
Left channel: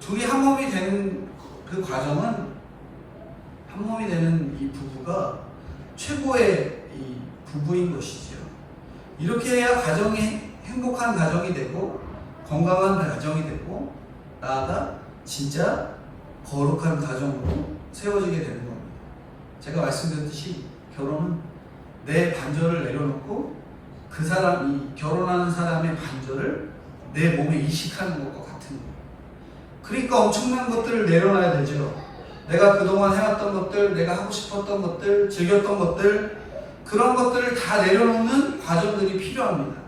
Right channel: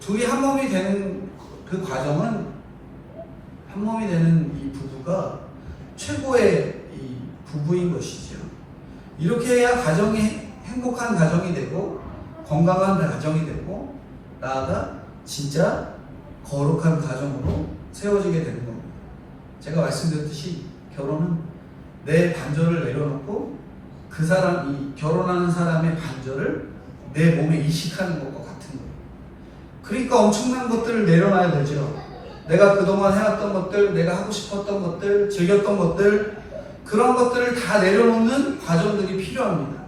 둘이 한 몸이 되는 그 과정은, 한 몸이 되는 이 부부가 최고의 이 부부인 것이죠. 이렇게 해야 가정이 행복한 가정이 되고 건강한 가정이 되고 나아가 진짜 거룩한 가정으로 세워지게 되는 겁니다. 제가 말씀드렸듯이 결혼은 내 반절을 내려놓고 그 사람, 결혼하는 사람의 반절을 내 몸에 이식하는 것과 같은 거예요. 그러니까 엄청난 것들을 내려놔야 되죠. 내가 그동안 해왔던 것들, 내가 하고 싶었던 것들, 즐겼던 것들, 그런 것들을 다 내려놓는 과정들이 필요합니다.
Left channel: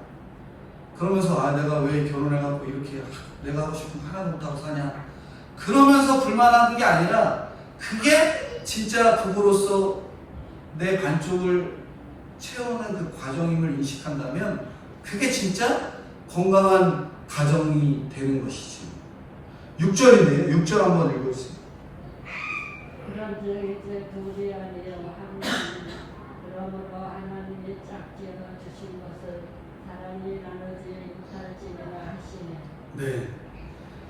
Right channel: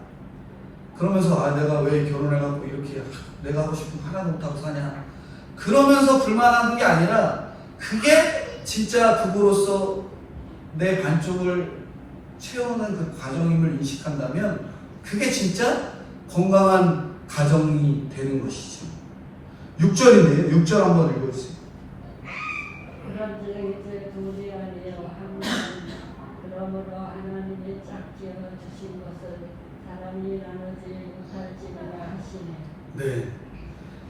그러면서 내가 왜 결혼해갖고 이렇게 내가 하고 싶은 거 하나도 못하고 사냐, 그러면서 불만하는 게 아니라 그게 진짜 부부로서 내 반쪽을 채우는 그 과정임을 인식한다면 그게 진짜 건강한 가정이 되는 것이죠. 6절인데요. 6절 한번 읽어보세요. 그런즉 이제 둘이 아니여 한 그러므로 하나님이 짝지어 주신 것을 사람이 나누지 못할지니라 하시네. 네,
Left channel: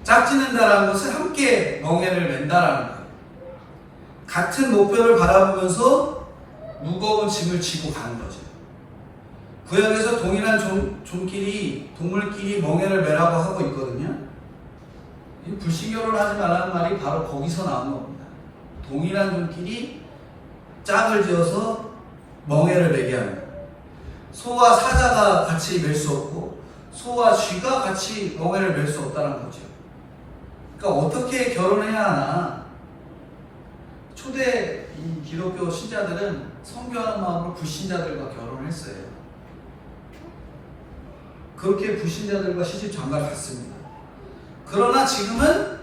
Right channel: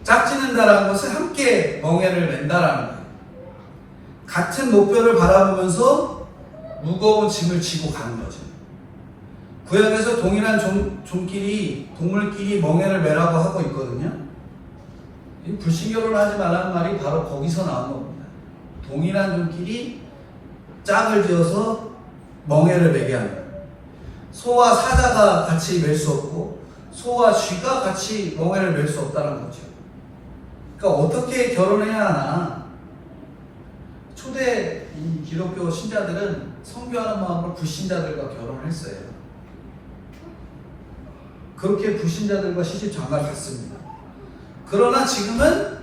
짝짓는다라는 것은 함께 멍에를 맨다라는 거예요. 같은 목표를 바라보면서 무거운 짐을 지고 가는 거죠. 구약에서 동일한 동물끼리 멍에를 매라고 하고 있거든요. 이 불신결혼을 하지 말라는 말이 바로 거기서 나온 겁니다. 동일한 종끼리 짝을 지어서 멍에를 매게 하는 거예요. 소와 사자가 같이 맬 수 없고 소와 쥐가 같이 멍에를 맬 수 없다는 거죠. 그러니까 어떻게 결혼해야 하나? 초대 이 기독교 신자들은 선교하는 마음으로 불신자들과 결혼을 했어요. 그렇게 불신자들과 시집 장가를 갔습니다. 그러나 지금은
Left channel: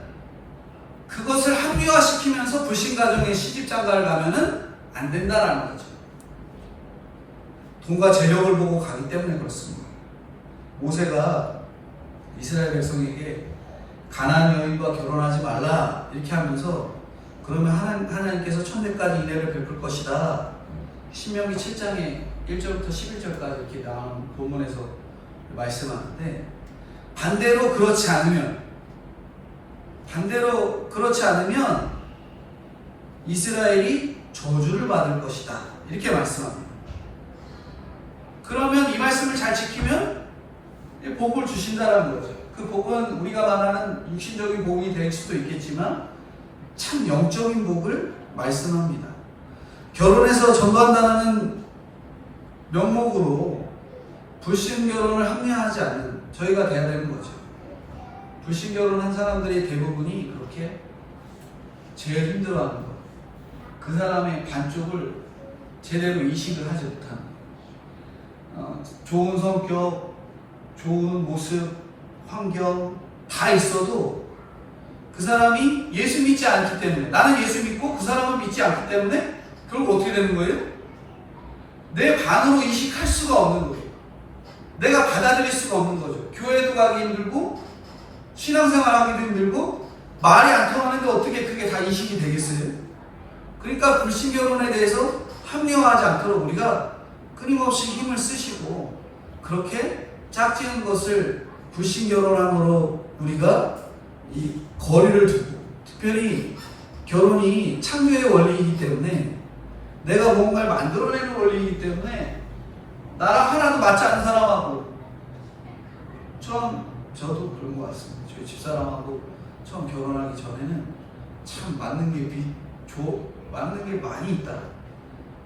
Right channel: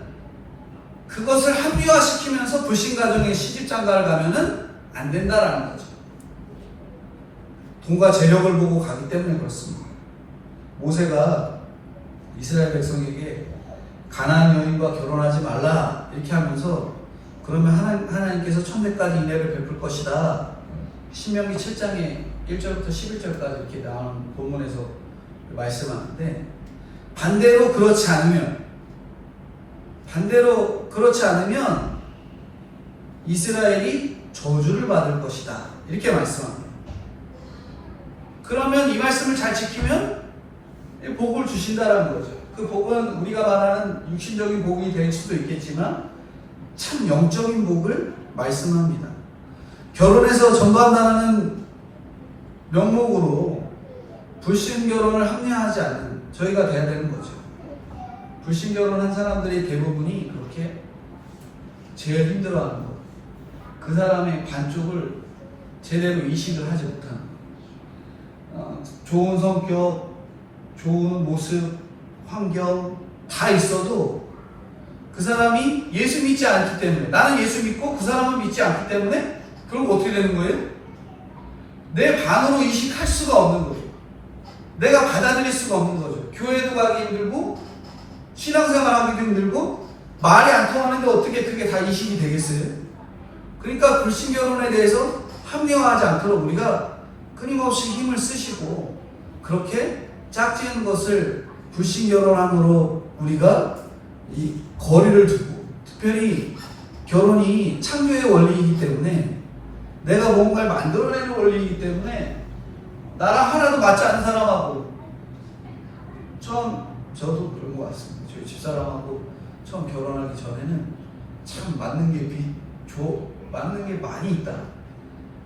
그것을 합리화시키면서 불신 가정에 시집 장가를 가면은 안 된다라는 거죠. 돈과 재력을 보고 가기 때문에 그렇습니다. 모세가 이스라엘 백성에게 가나안 여인과 결혼하지 말라 이렇게 하면서 그러면 하나님께서 1000대까지 인애를 베풀 것이다. 신명기 7장에 1절부터 11절까지 이렇게 나오는 본문에서 말씀하는데 반대로 그렇지 않으면 이스라엘이 저주를 받을 것이다. 이렇게 말씀합니다. 그러면 이 말씀을 잘 지키면 복을 주신다라는 거죠. 그 복은 우리가 말하는 육신적인 복이 될 수도 있겠지만 참 영적인 복을 말씀합니다. 결혼해서 전도한다는 명목으로 불신 결혼을 합리화하지 않는 저희가 돼야 되는 거죠. 불신 결혼한 사람들이 대부분이 그렇게 제일 힘들어하는 것. 그 사람의 반쪽을 제대로 이식을 하지 못하는 것. 좋은 성격, 좋은 모습, 환경 다 있어도 그 사람이 예수 믿지 않기 때문에 나는 예수 믿고 그 사람은 믿지 않기 때문에 결국 어떻게 되는 거예요? 내 반으로 이식할 수가 없는 거예요. 내가 받아들일 수가 없는 거죠. 교회도 가기 힘들고 신앙생활 하기도 힘들고 말이 안 통하는데 어떻게 그게 다 이식이 되겠어요? 그러니까 불신결혼에 대해서 합리화하지 않도록 우리가 끊임없이 힘을 쓰시고 그렇게 짝지은 것을 불신결혼함으로 우리가 이 거리를 두고 특별히 결혼이 창조의 원리이기 때문에 내가 뭔가를 만들어내는 원리이기 때문에 나랑 하나도 맞지 않는 사람하고 저도 그런 것 같습니다. 저희 집사람하고 처음 결혼하기 전에는 참 맞는 게 많이 있다.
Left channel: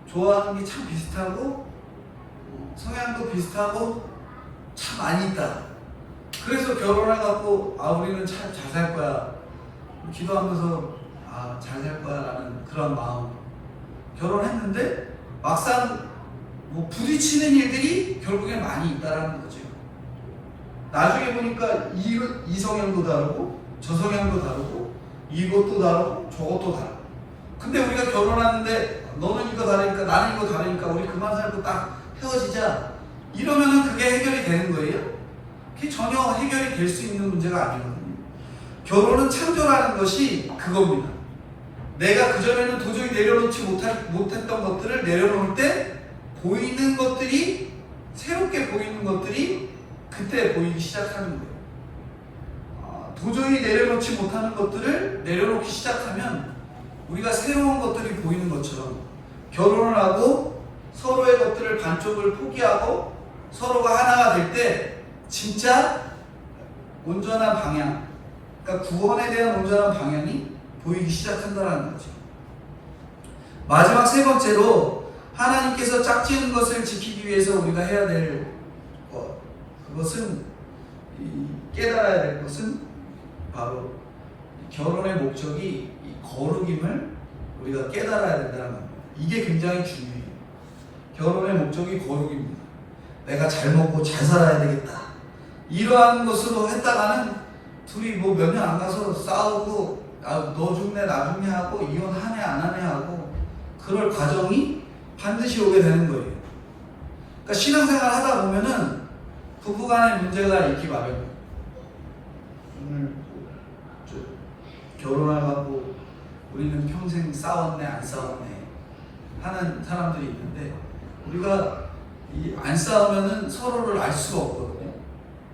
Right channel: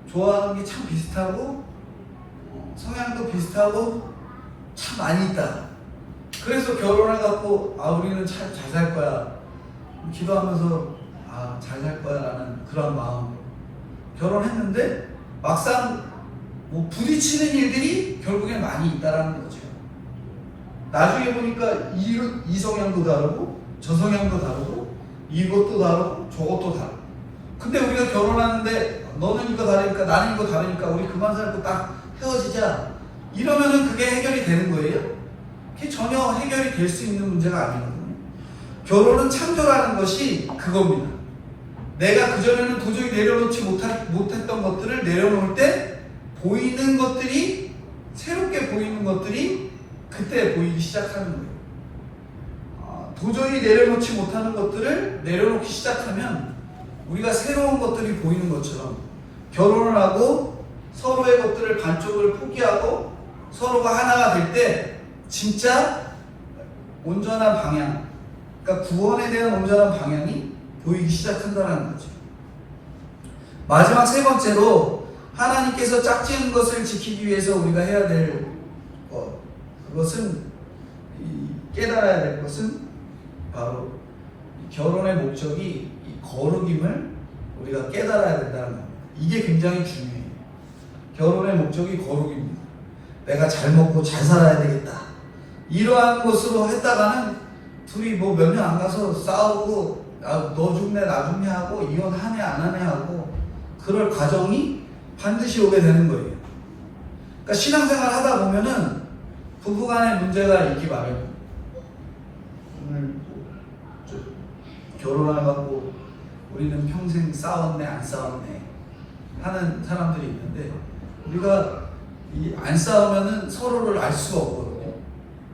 좋아하는 게 참 비슷하고 성향도 비슷하고 참 많이 있다. 그래서 결혼해갖고 우리는 참 잘 살 거야 기도하면서 잘 살 거야 라는 그런 마음으로 결혼했는데 막상 부딪히는 일들이 결국엔 많이 있다라는 거죠. 나중에 보니까 이 성향도 다르고 저 성향도 다르고 이것도 다르고 저것도 다르고 근데 우리가 결혼하는데 너는 이거 다르니까 나는 이거 다르니까 우리 그만 살고 딱 헤어지자 이러면은 그게 해결이 되는 거예요? 그게 전혀 해결이 될 수 있는 문제가 아니거든요. 결혼은 창조라는 것이 그겁니다. 내가 그전에는 도저히 내려놓지 못했던 것들을 내려놓을 때 보이는 것들이 새롭게 보이는 것들이 그때 보이기 시작하는 거예요. 도저히 내려놓지 못하는 것들을 내려놓기 시작하면 우리가 새로운 것들이 보이는 것처럼 결혼을 하고 서로의 것들을 반쪽을 포기하고 서로가 하나가 될 때 진짜 온전한 방향, 그러니까 구원에 대한 온전한 방향이 보이기 시작한다는 거죠. 마지막 세 번째로 하나님께서 짝지은 것을 지키기 위해서 우리가 해야 될 것, 그것은 깨달아야 될 것은 바로 결혼의 목적이 이 거룩임을 우리가 깨달아야 된다는 겁니다. 이게 굉장히 중요해요. 결혼의 목적이 거룩입니다. 내가 잘 먹고 잘 살아야 되겠다. 이러한 것으로 했다가는 둘이 몇 년 안 가서 싸우고 너 죽네 나 죽네 하고 이혼하네 안 하네 하고 그럴 과정이 반드시 오게 되는 거예요. 그러니까 신앙생활 하다 보면은 부부간의 문제가 있기 마련이에요. 오늘 결혼하고 우리는 평생 싸웠네 안 싸웠네 하는 사람들이 있는데 우리가 안 싸우면은 서로를 알 수가 없거든요.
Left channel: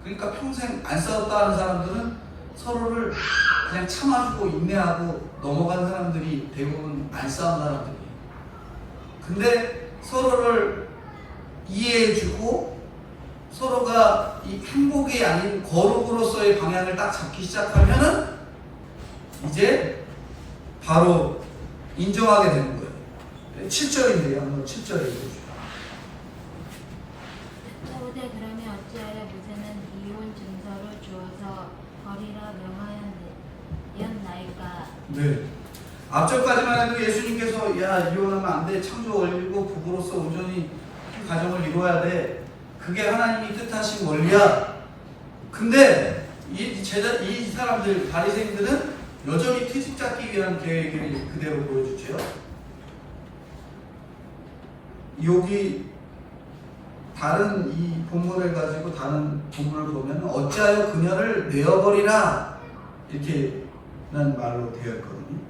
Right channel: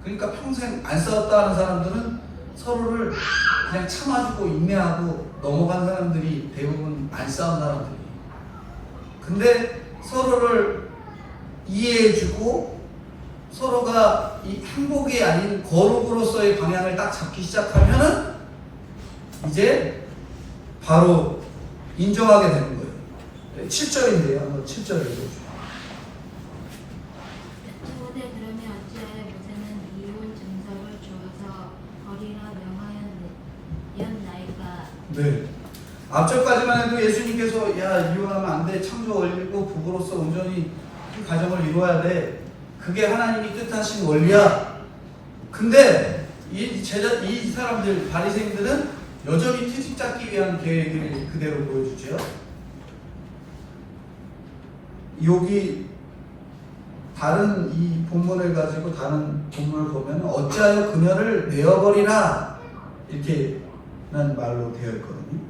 그러니까 평생 안 싸웠다 하는 사람들은 서로를 그냥 참아주고 인내하고 넘어간 사람들이 대부분 안 싸운 사람들이에요. 근데 서로를 이해해주고 서로가 이 행복이 아닌 거룩으로서의 방향을 딱 잡기 시작하면은 이제 바로 인정하게 되는 거예요. 7절인데요. 한번 7절에 읽어주세요. 그러면 어찌하여 모세는 이 네. 앞절까지만 해도 예수님께서 야 이혼하면 안 돼. 창조 원리고 부부로서 온전히 가정을 이루어야 돼. 그게 하나님이 뜻하신 원리야. 근데 이 사람들 바리새인들은 여전히 트집 잡기 위한 계획을 그대로 보여주죠. 여기 다른 이 본문을 가지고 다른 본문을 보면 어찌하여 그녀를 내어버리라 이렇게 난 말로 되어 있거든요.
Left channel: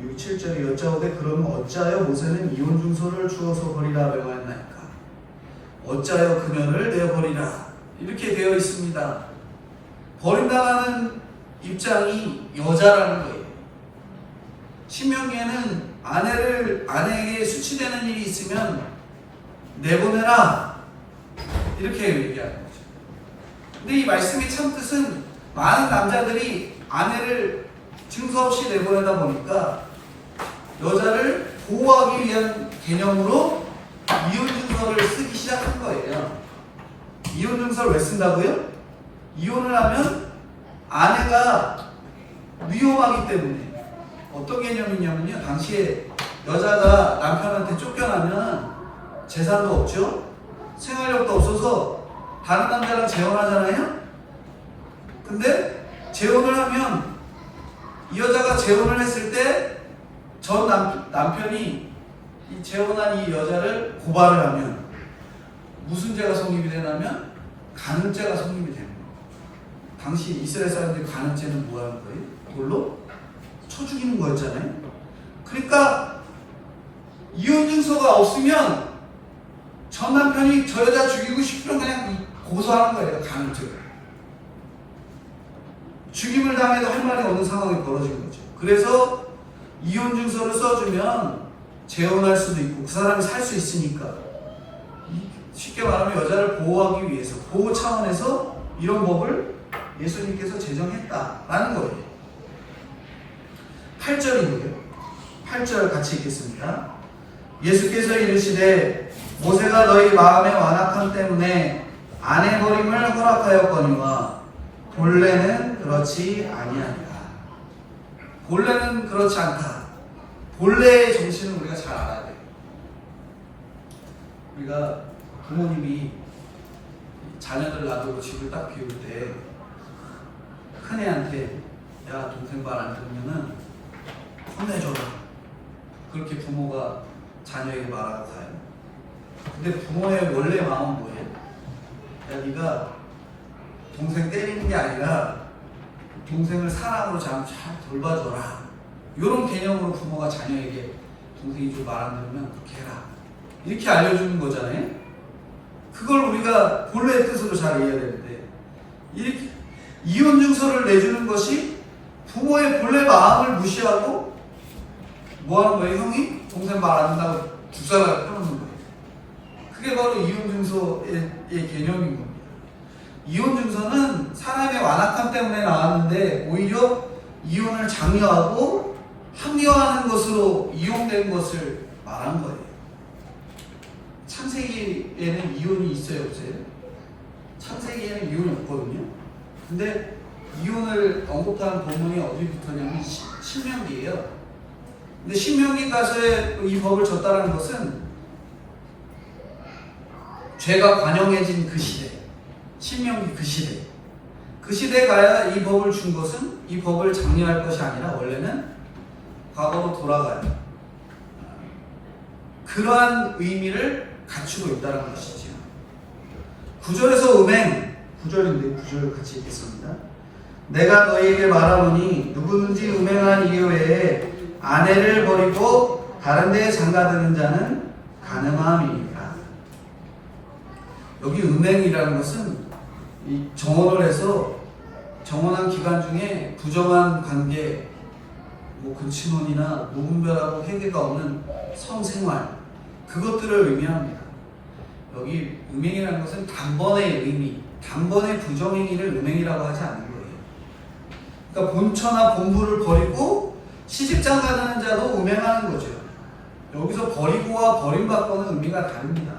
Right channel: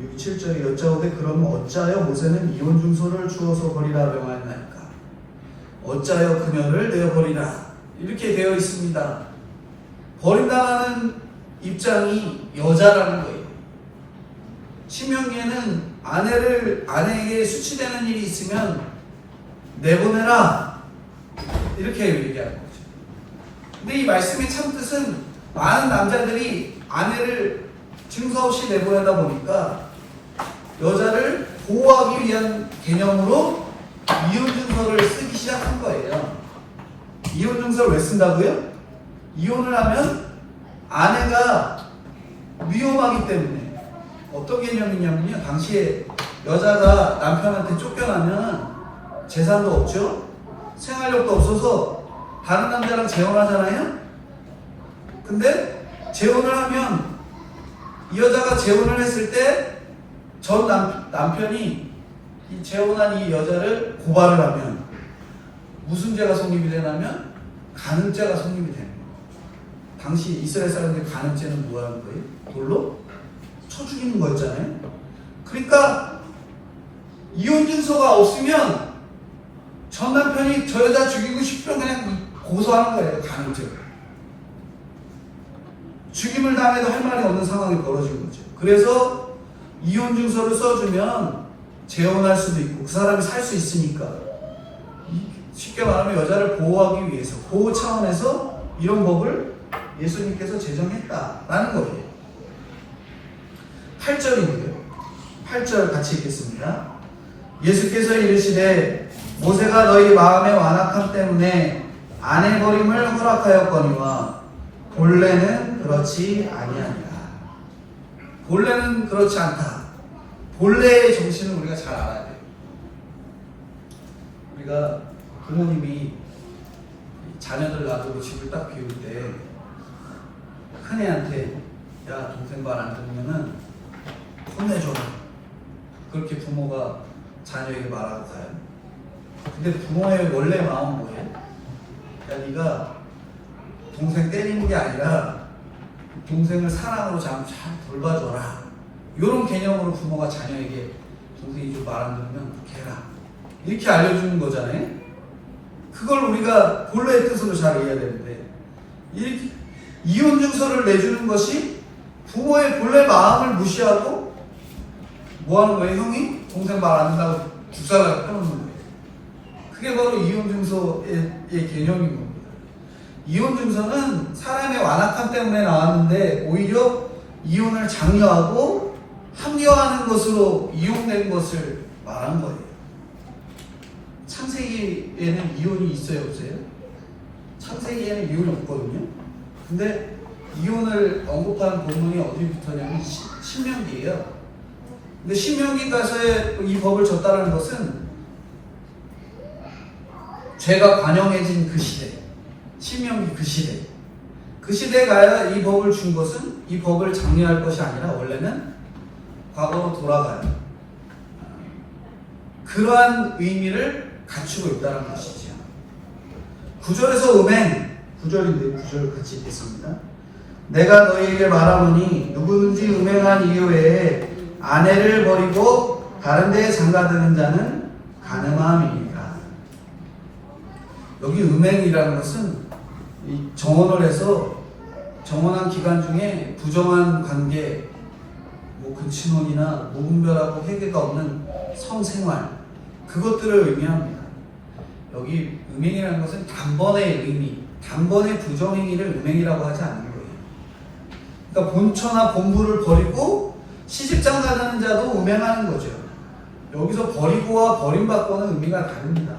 여기 7절에 여짜오되 그러면 어찌하여 모세는 이혼 증서를 주어서 버리라 명하였나이까. 어찌하여 그녀를 내어버리라 이렇게 되어 있습니다. 버림당하는 입장이 여자라는 거예요. 신명기에는 아내에게 수치되는 일이 있으면 내보내라 이렇게 얘기하는 거죠. 근데 이 말씀의 참 뜻은 많은 남자들이 아내를 증서 없이 내보내다 보니까 여자를 보호하기 위한 개념으로 이혼 증서를 쓰기 시작한 거예요. 이혼 증서를 왜 쓴다고요? 이혼을 하면 아내가 위험하기 때문에. 어떤 개념이냐면요, 당시에 여자가 남편한테 쫓겨나면 재산도 없죠, 생활력도 없어서 다른 남자랑 재혼하잖아요. 근데 재혼을 하면 이 여자가 재혼을 했을 때 전 남편이 이 재혼한 이 여자를 고발을 하면 무슨 죄가 성립이 되냐면 간음죄가 성립이 되는 거예요. 당시 이스라엘 사람들이 간음죄는 뭐 하는 거예요? 돌로 쳐 죽이는 거였잖아요. 그러니까 이혼 증서가 없으면 전 남편이 저 여자 죽이고 싶으면 그냥 고소하는 거예요. 간음죄를. 죽임을 당해도 할 말이 없는 상황이 벌어진 거죠. 그래서 이혼 증서를 써주면 재혼할 수도 있고 그 사람이 살 수 있으니까, 쉽게 말하면 여자를 보호하기 위해서, 보호 차원에서 이런 법을 예수님께서 제정했다라는 거예요. 8절이고요. 8절 같이 읽겠습니다. 예수께서 이르시되 모세가 너희 마음의 완악함 때문에 아내 버림을 허락하였거니와 본래는 그렇지 아니하니라. 본래는 그렇지 않다. 본래의 정신은 우리가 잘 알아야 돼요. 우리가 부모님이 자녀들 놔두고 집을 딱 비울 때 큰애한테 야 동생 말 안 들으면은 혼내줘라, 그렇게 부모가 자녀에게 말하러 가요. 근데 부모의 원래 마음은 뭐예요? 야 네가 동생 때리는 게 아니라 동생을 사랑으로 잘 돌봐줘라, 이런 개념으로 부모가 자녀에게 동생이 좀 말 안 들으면 그렇게 해라 이렇게 알려주는 거잖아요. 그걸 우리가 본래의 뜻으로 잘 이해해야 되는데, 이렇게 이혼 증서를 내주는 것이 부모의 본래 마음을 무시하고 뭐 하는 거예요? 형이 동생 말 안 듣는다고 죽살을 펴놓는 거예요. 그게 바로 이혼 증서의 개념인 겁니다. 이혼 증서는 사람의 완악함 때문에 나왔는데 오히려 이혼을 장려하고 합리화하는 것으로 이용된 것을 말한 거예요. 창세기에는 이혼이 있어요, 없어요? 창세기에는 이혼이 없거든요. 근데 이혼을 언급하는 본문이 어디부터냐면 신명기예요. 근데 신명기 가서의 이 법을 줬다는 것은 죄가 관영해진 그 시대, 신명기 그 시대에 가야 이 법을 준 것은 이 법을 장려할 것이 아니라 원래는 과거로 돌아가요. 그러한 의미를 갖추고 있다는 것이죠. 9절에서 음행, 9절인데 9절 같이 읽겠습니다. 내가 너희에게 말하노니 누구든지 음행한 이유 외에 아내를 버리고 다른 데에 장가드는 자는 간음함이니라. 여기 음행이라는 것은 이 정혼을 해서 정혼한 기간 중에 부정한 관계, 뭐 근친혼이나 무분별하고 회개가 없는 성생활, 그것들을 의미합니다. 여기 음행이라는 것은 단번의 의미, 단번의 부정행위를 음행이라고 하지 않는 거예요. 그러니까 본처나 본부를 버리고 시집장가하는 자도 음행하는 거죠. 여기서 버리고와 버림받고는 의미가 다릅니다.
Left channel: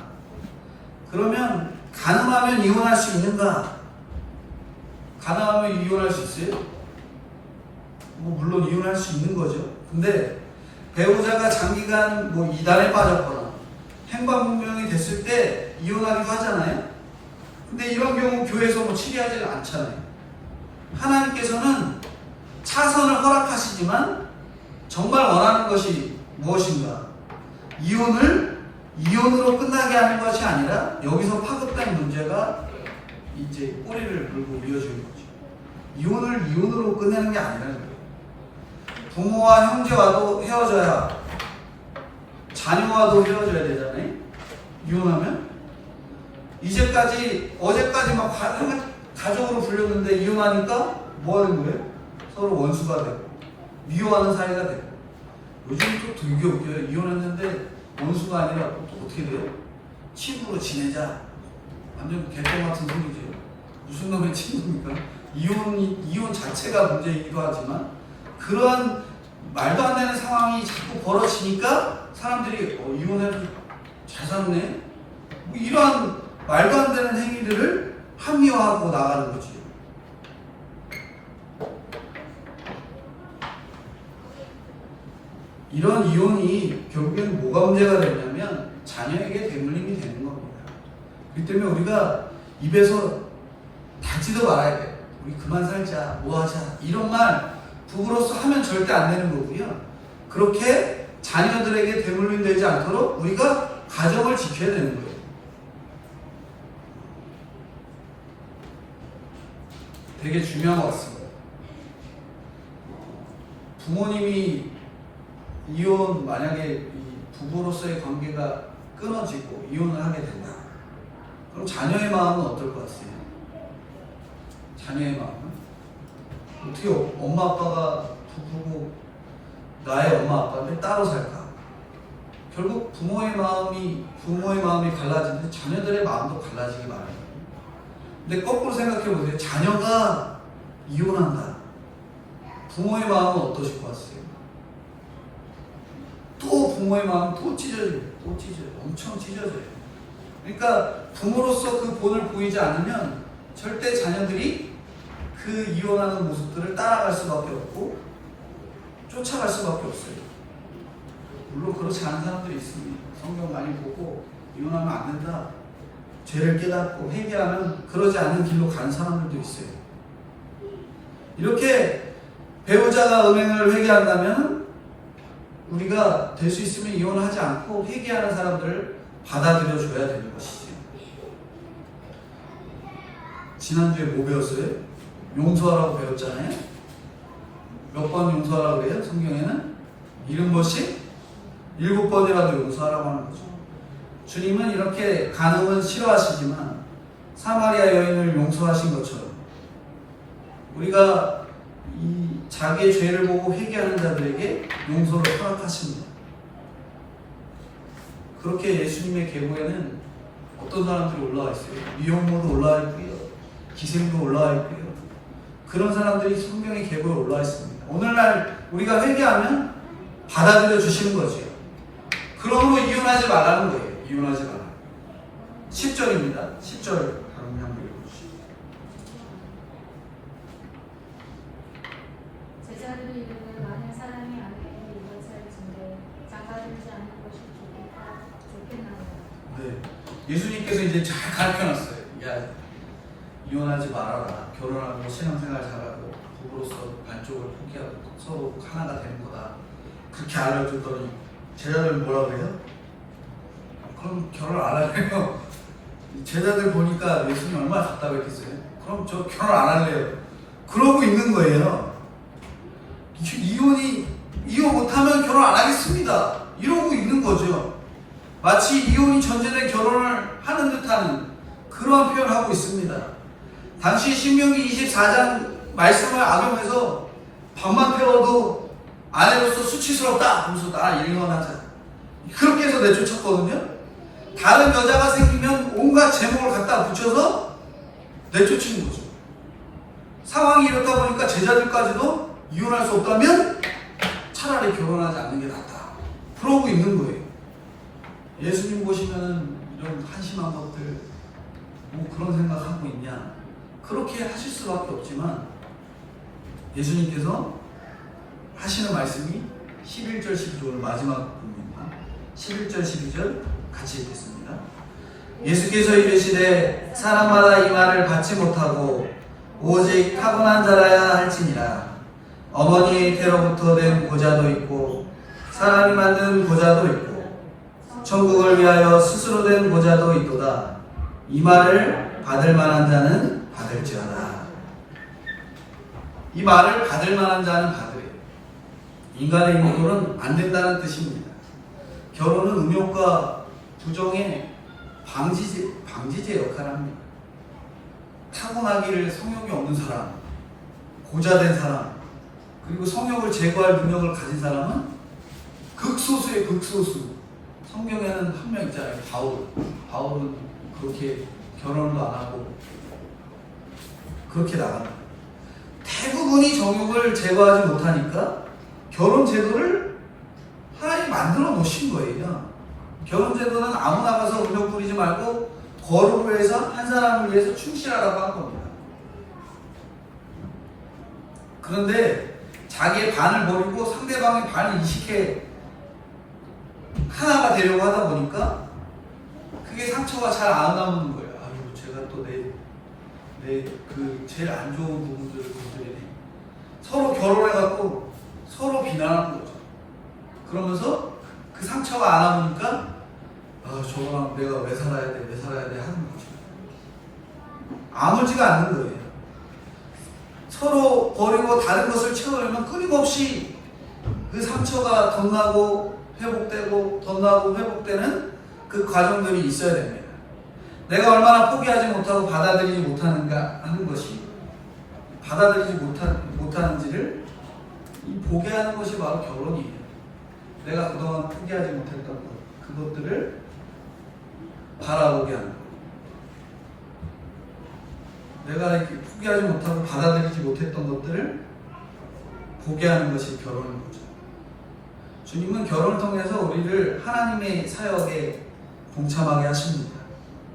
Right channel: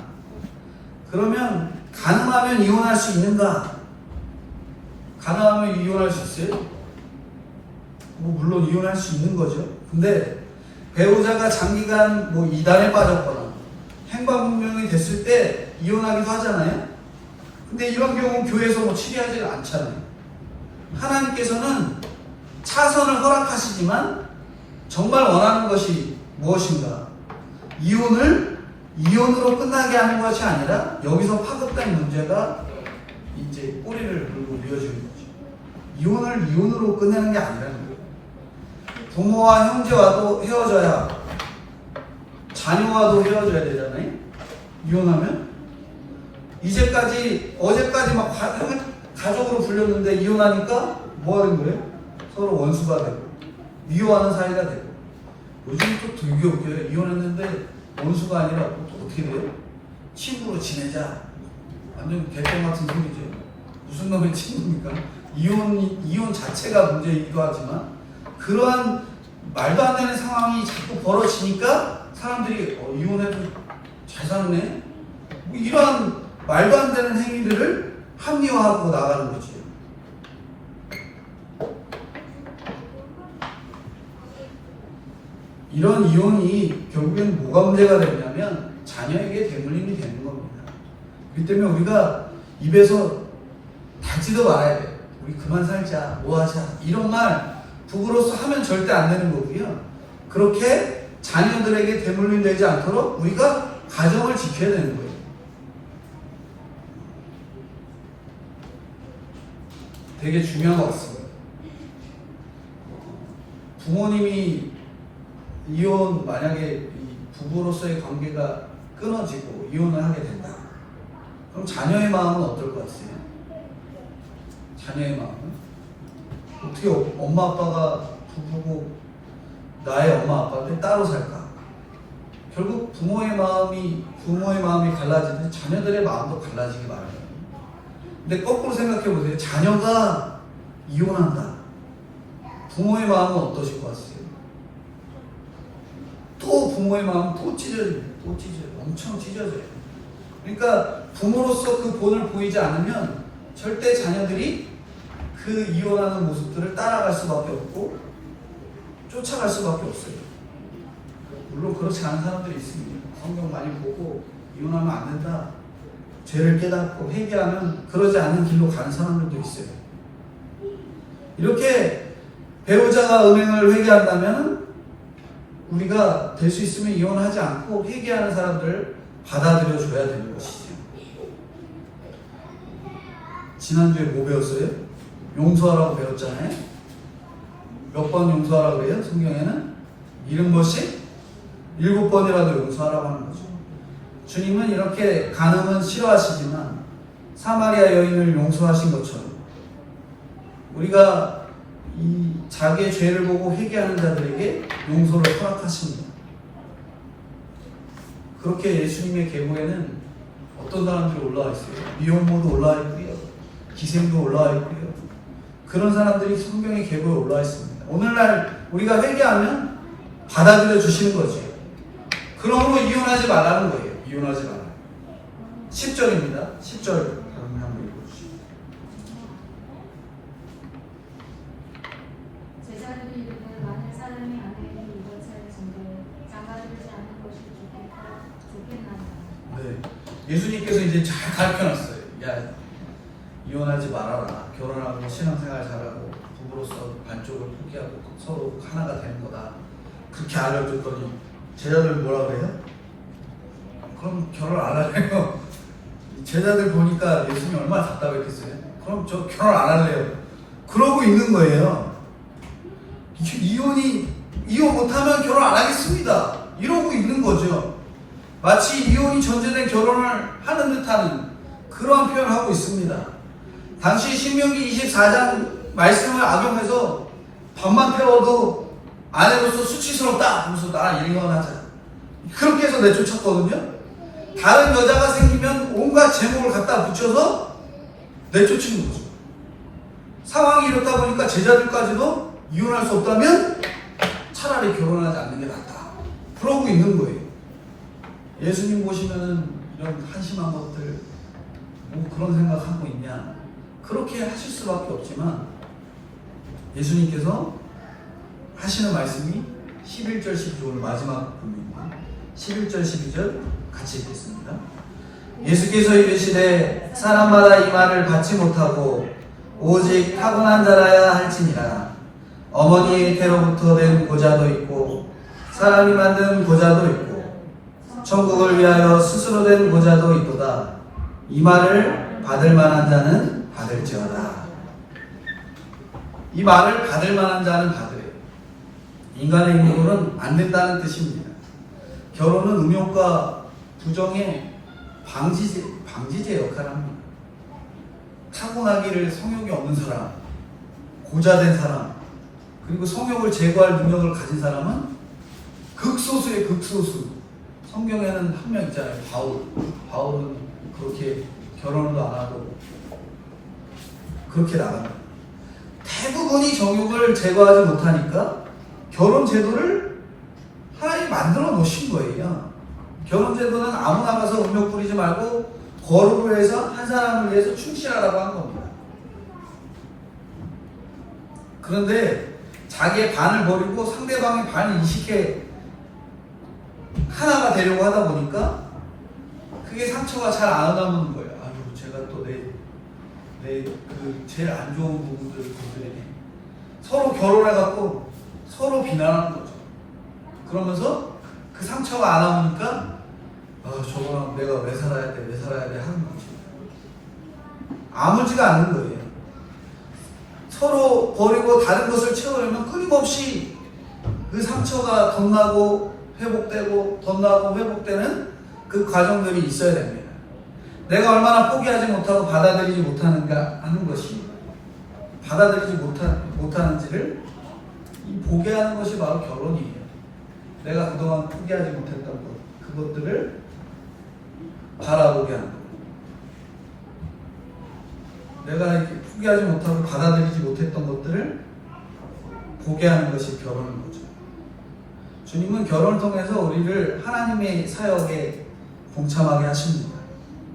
그러면 가능하면 이혼할 수 있는가? 가능하면 이혼할 수 있어요? 뭐 물론 이혼할 수 있는 거죠. 근데 배우자가 장기간 뭐 이단에 빠졌거나 행방불명이 됐을 때 이혼하기도 하잖아요. 근데 이런 경우 교회에서 뭐 치리하지 않잖아요. 하나님께서는 차선을 허락하시지만 정말 원하는 것이 무엇인가? 이혼으로 끝나게 하는 것이 아니라 여기서 파급된 문제가 이제 꼬리를 물고 이어지는 거죠. 이혼으로 끝내는 게 아니라는 거예요. 부모와 형제와도 헤어져야 자녀와도 헤어져야 되잖아요. 이혼하면 어제까지 막 가족으로 불렸는데 이혼하니까 뭐 하는 거예요? 서로 원수가 되고 미워하는 사이가 되고. 요즘 또 되게 웃겨요. 이혼했는데 원수가 아니라 또 어떻게 돼요? 친구로 지내자. 완전 개똥 같은 소리죠. 무슨 놈의 친구입니까? 이혼 자체가 문제이기도 하지만 그러한 말도 안 되는 상황이 자꾸 벌어지니까 사람들이 이혼해도 잘 사네? 뭐 이러한 말도 안 되는 행위들을 합리화하고 나가는 거지. 이런 이혼이 결국엔 뭐가 문제가 되냐면 자녀에게 대물림이 되는 겁니다. 그렇기 때문에 우리가 입에서 다지도 말아야 돼. 우리 그만 살자, 뭐 하자. 이런 말 부부로서 하면 절대 안 되는 거고요. 그렇게 자녀들에게 대물림 되지 않도록 우리가 가정을 지켜야 되는 거예요. 되게 중요한 것 같습니다. 부모님이 이혼 만약에 부부로서의 관계가 끊어지고 이혼을 하게 된다. 그럼 자녀의 마음은 어떨 것 같아요? 자녀의 마음은? 어떻게 엄마 아빠가 부부고 나의 엄마 아빠한테 따로 살까? 결국 부모의 마음이 갈라지면 자녀들의 마음도 갈라지기 마련이에요. 근데 거꾸로 생각해 보세요. 자녀가 이혼한다. 부모의 마음은 어떠실 것 같아요? 또 부모의 마음은 또 찢어져요. 엄청 찢어져요. 그러니까 부모로서 그 본을 보이지 않으면 절대 자녀들이 그 이혼하는 모습들을 따라갈 수밖에 없고 쫓아갈 수밖에 없어요. 물론 그렇지 않은 사람들이 있습니다. 성경 많이 보고 이혼하면 안 된다. 죄를 깨닫고 회개하면 그러지 않는 길로 가는 사람들도 있어요. 이렇게 배우자가 음행을 회개한다면 우리가 될 수 있으면 이혼을 하지 않고 회개하는 사람들을 받아들여 줘야 되는 것이죠. 지난주에 뭐 배웠어요? 용서하라고 배웠잖아요. 몇 번 용서하라고 그래요? 성경에는 70번씩 7번이라도 용서하라고 하는 거죠. 주님은 이렇게 간음은 싫어하시지만 사마리아 여인을 용서하신 것처럼 우리가 이 자기의 죄를 보고 회개하는 자들에게 용서를 허락하십니다. 그렇게 예수님의 계보에는 어떤 사람들이 올라와 있어요? 미혼모도 올라와 있고요. 기생도 올라와 있고요. 그런 사람들이 성경의 계보에 올라와 있습니다. 오늘날 우리가 회개하면 받아들여 주시는 거죠. 그러므로 이혼하지 말라는 거예요. 이혼하지 말라. 10절입니다. 10절 다음 한번 읽어주시죠. 제자들이 이르되 많은 사람이 아내에게 이것을 전되 장가들지 않는 것이 좋겠나이다. 네, 예수님께서 이제 잘 가르쳐놨어요. 야, 이혼하지 말아라. 결혼하고 신앙생활 잘하고 부부로서 반쪽을 포기하고 서로 하나가 되는 거다. 그렇게 알려줬더니 제자들 뭐라 그래요? 그럼 결혼 안 할래요? 제자들 보니까 예수님 얼마나 답답했겠어요? 그럼 저 결혼 안 할래요. 그러고 있는 거예요. 이혼 못하면 결혼 안 하겠습니다. 이러고 있는 거죠. 마치 이혼이 전제된 결혼을 하는 듯하는 그러한 표현을 하고 있습니다. 당시 신명기 24장 말씀을 악용해서 밥만 태워도 아내로서 수치스럽다 하면서 나 이혼하자. 그렇게 해서 내쫓았거든요. 다른 여자가 생기면 온갖 제목을 갖다 붙여서 내쫓은 거죠. 상황이 이렇다 보니까 제자들까지도 이혼할 수 없다면 차라리 결혼하지 않는 게 낫다. 그러고 있는 거예요. 예수님 보시면은 이런 한심한 것들 뭐 그런 생각하고 있냐. 그렇게 하실 수밖에 없지만 예수님께서 하시는 말씀이 11절 12절 마지막 부분입니다. 11절 12절 같이 읽겠습니다. 예수께서 이르시되 사람마다 이 말을 받지 못하고 오직 타고난 자라야 할지니라. 어머니의 태로부터 된 고자도 있고 사람이 만든 고자도 있고 천국을 위하여 스스로 된 고자도 있도다. 이 말을 받을 만한 자는 받을지어다. 이 말을 받을 만한 자는 받으래요. 인간의 힘으로는 안 된다는 뜻입니다. 결혼은 음욕과 부정의 방지제 역할을 합니다. 타고나기를 성욕이 없는 사람, 고자된 사람, 그리고 성욕을 제거할 능력을 가진 사람은 극소수의 극소수. 성경에는 한 명 있잖아요. 바울은 그렇게 결혼도 안 하고 그렇게 나갑니다. 대부분이 정욕을 제거하지 못하니까 결혼 제도를 하나님이 만들어 놓으신 거예요. 결혼 제도는 아무나 가서 음욕 부리지 말고 거룩을 해서 한 사람을 위해서 충실하라고 한 겁니다. 그런데 자기의 반을 버리고 상대방의 반을 이식해 하나가 되려고 하다 보니까 그게 상처가 잘 안 남는 거예요. 아유, 제가 또 그 제일 안 좋은 부분들을 건드리네. 서로 결혼해갖고 서로 비난하는 거죠. 그러면서 그 상처가 안 남으니까 저거랑 내가 왜 살아야 돼 하는 거죠. 아물지가 않는 거예요. 서로 버리고 다른 것을 채우려면 끊임없이 그 상처가 덧나고 회복되고 덧나고 회복되는 그 과정들이 있어야 됩니다. 내가 얼마나 포기하지 못하고 받아들이지 못하는가 하는 것이 받아들이지 못하는지를 보게 하는 것이 바로 결혼이에요. 내가 그동안 포기하지 못했던 것, 그것들을 바라보게 하는 것. 내가 포기하지 못하고 받아들이지 못했던 것들을 보게 하는 것이 결혼인 거죠. 주님은 결혼을 통해서 우리를 하나님의 사역에 동참하게 하십니다.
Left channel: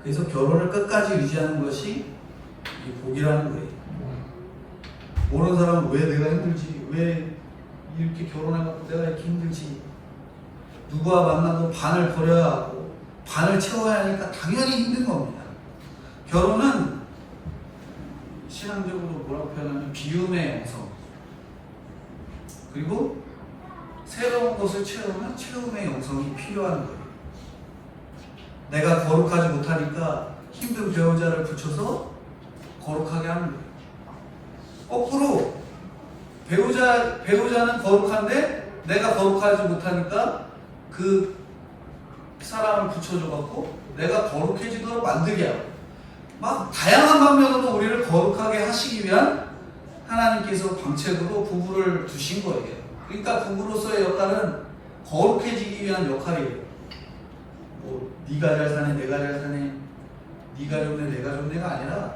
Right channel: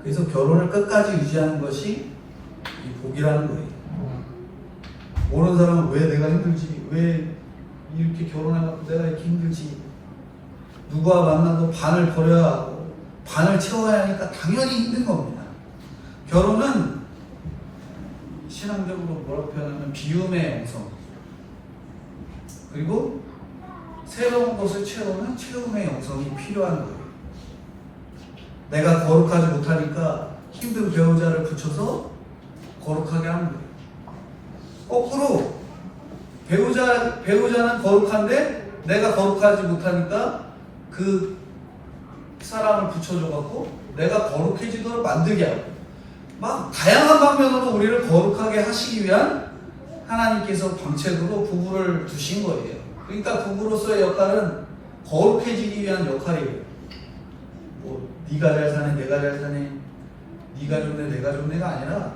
그래서 결혼을 끝까지 유지하는 것이 이 복이라는 거예요. 모르는 사람은 왜 내가 힘들지? 왜 이렇게 결혼해갖고 내가 이렇게 힘들지? 누구와 만나도 반을 버려야 하고 반을 채워야 하니까 당연히 힘든 겁니다. 결혼은 신앙적으로 뭐라고 표현하면 비움의 영성, 그리고 새로운 것을 채우는 채움의 영성이 필요한 거예요. 내가 거룩하지 못하니까 힘든 배우자를 붙여서 거룩하게 하는 거예요. 거꾸로 배우자는 거룩한데 내가 거룩하지 못하니까 그 사람을 붙여줘갖고 내가 거룩해지도록 만들게 하고, 막 다양한 방면으로 우리를 거룩하게 하시기 위한 하나님께서 정책으로 부부를 두신 거예요. 그러니까 부부로서의 역할은 거룩해지기 위한 역할이에요. 뭐 네가 잘 사네, 내가 잘 사네, 네가 좋네, 내가 좋네가 아니라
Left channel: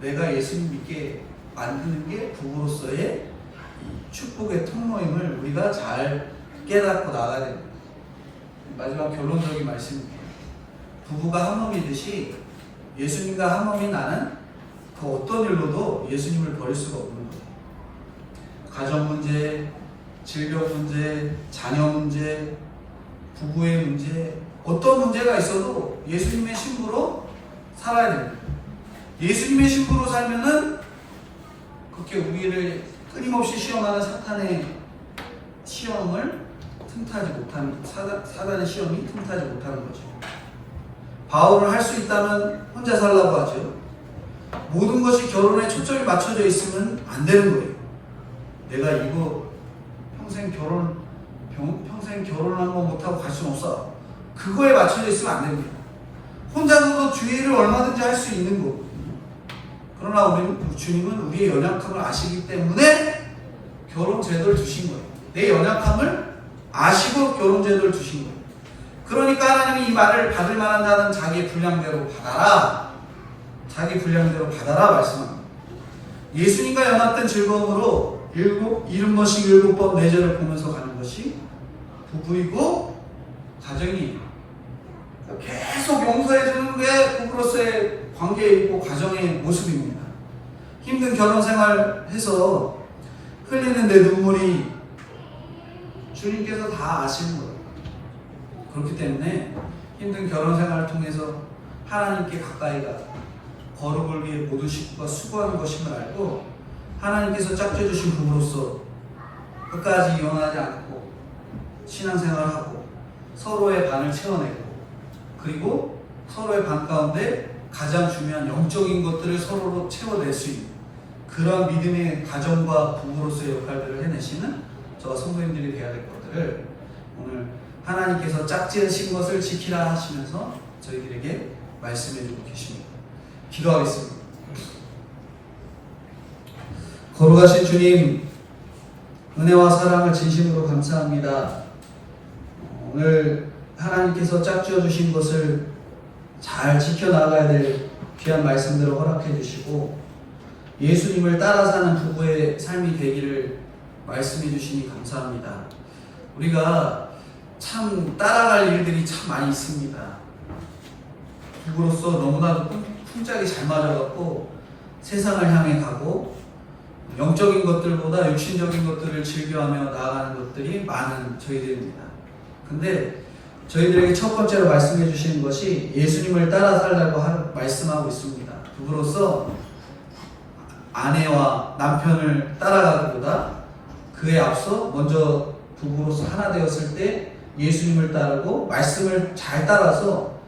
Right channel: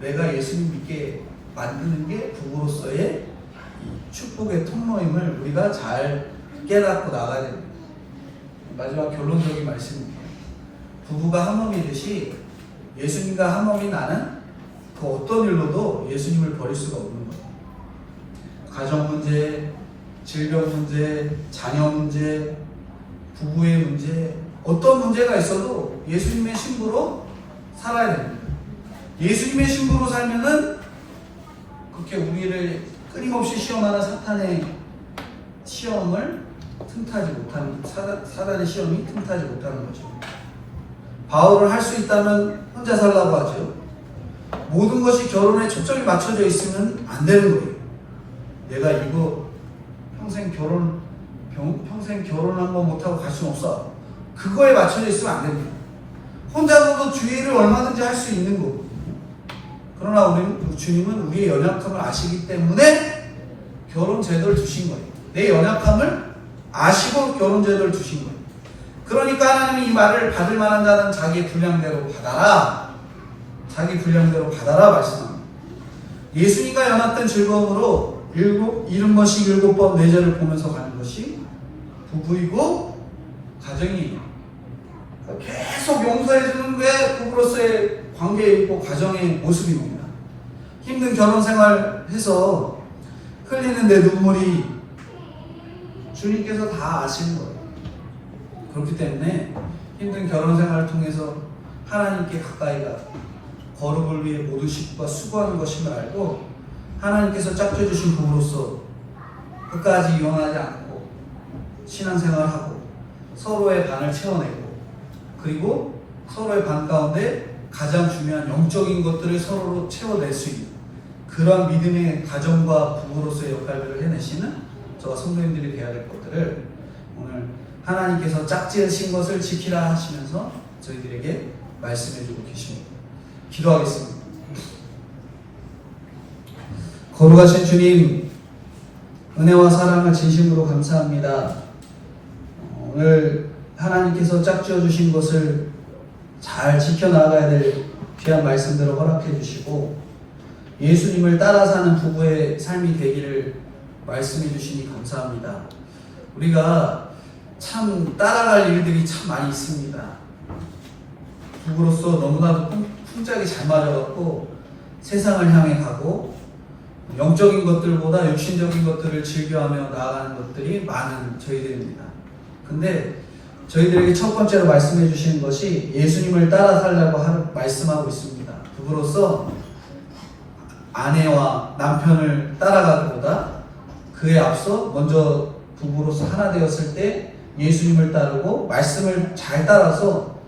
내가 예수님 믿게 만드는 게 부부로서의 축복의 통로임을 우리가 잘 깨닫고 나가야 됩니다. 마지막 결론적인 말씀입니다. 부부가 한 몸이듯이 예수님과 한 몸인 나는 그 어떤 일로도 예수님을 버릴 수가 없는 거예요. 가정 문제, 질병 문제, 자녀 문제, 부부의 문제, 어떤 문제가 있어도 예수님의 신부로 살아야 됩니다. 예수님의 신부로 살면은 그렇게 우리를 끊임없이 시험하는 사탄의 시험을 틈타지 못하는, 사단의 시험이 틈타지 못하는 거죠. 바울은 할 수 있다면 혼자 살라고 하죠. 모든 것이 결혼에 초점이 맞춰져 있으면 안 되는 거예요. 내가 이거 평생 결혼 한번 못하고 갈 수는 없어. 그거에 맞춰져 있으면 안 됩니다. 혼자서도 주의를 얼마든지 할 수 있는 거거든요. 그러나 주님은 우리의 연약함을 아시기 때문에 결혼 제도를 주신 거예요. 내 연약함을 아시고 결혼 제도를 주신 거예요. 그러니까 하나님이 이 말을 받을 만한 자는 자기 분량대로 받아라. 자기 분량대로 받아라 말씀합니다. 예수님과 연합된 즐거움으로 70번씩 7번 내절을 보면서 가는 것이 부부이고 가정이에요. 계속 용서해주는 게 부부로서의 관계이고 가정의 모습입니다. 힘든 결혼 생활 해서 흘리는 내 눈물이 주님께서 다 아시는 거예요. 그렇기 때문에 힘든 결혼 생활을 통해서 하나님께 가까이 가 거룩을 위해 모든 식구가 수고하는 것임을 알고 하나님께서 짝져주신 부부로서 끝까지 이혼하지 않고 신앙생활을 하고 서로의 반을 채워내고 그리고 서로의 반 가운데 가장 중요한 영적인 것들을 서로로 채워낼 수 있는 그런 믿음의 가정과 부부로서의 역할들을 해내시는 저와 성도님들이 되어야 될 것들을 오늘 하나님께서 짝지으신 것을 지키라 하시면서 저희들에게 말씀해주고 계십니다. 기도하겠습니다. 거룩하신 주님, 은혜와 사랑을 진심으로 감사합니다. 오늘 하나님께서 짝지어 주신 것을 잘 지켜나가야 될 귀한 말씀들을 허락해 주시고 예수님을 따라 사는 부부의 삶이 되기를 말씀해 주시니 감사합니다. 우리가 참 따라갈 일들이 참 많이 있습니다. 부부로서 너무나도 풍짝이 잘 맞아갖고 세상을 향해 가고 영적인 것들보다 육신적인 것들을 즐겨하며 나아가는 것들이 많은 저희들입니다. 근데 저희들에게 첫 번째로 말씀해 주시는 것이 예수님을 따라 살라고 말씀하고 있습니다. 부부로서 아내와 남편을 따라가기보다 그에 앞서 먼저 부부로서 하나 되었을 때 예수님을 따르고 말씀을 잘 따라서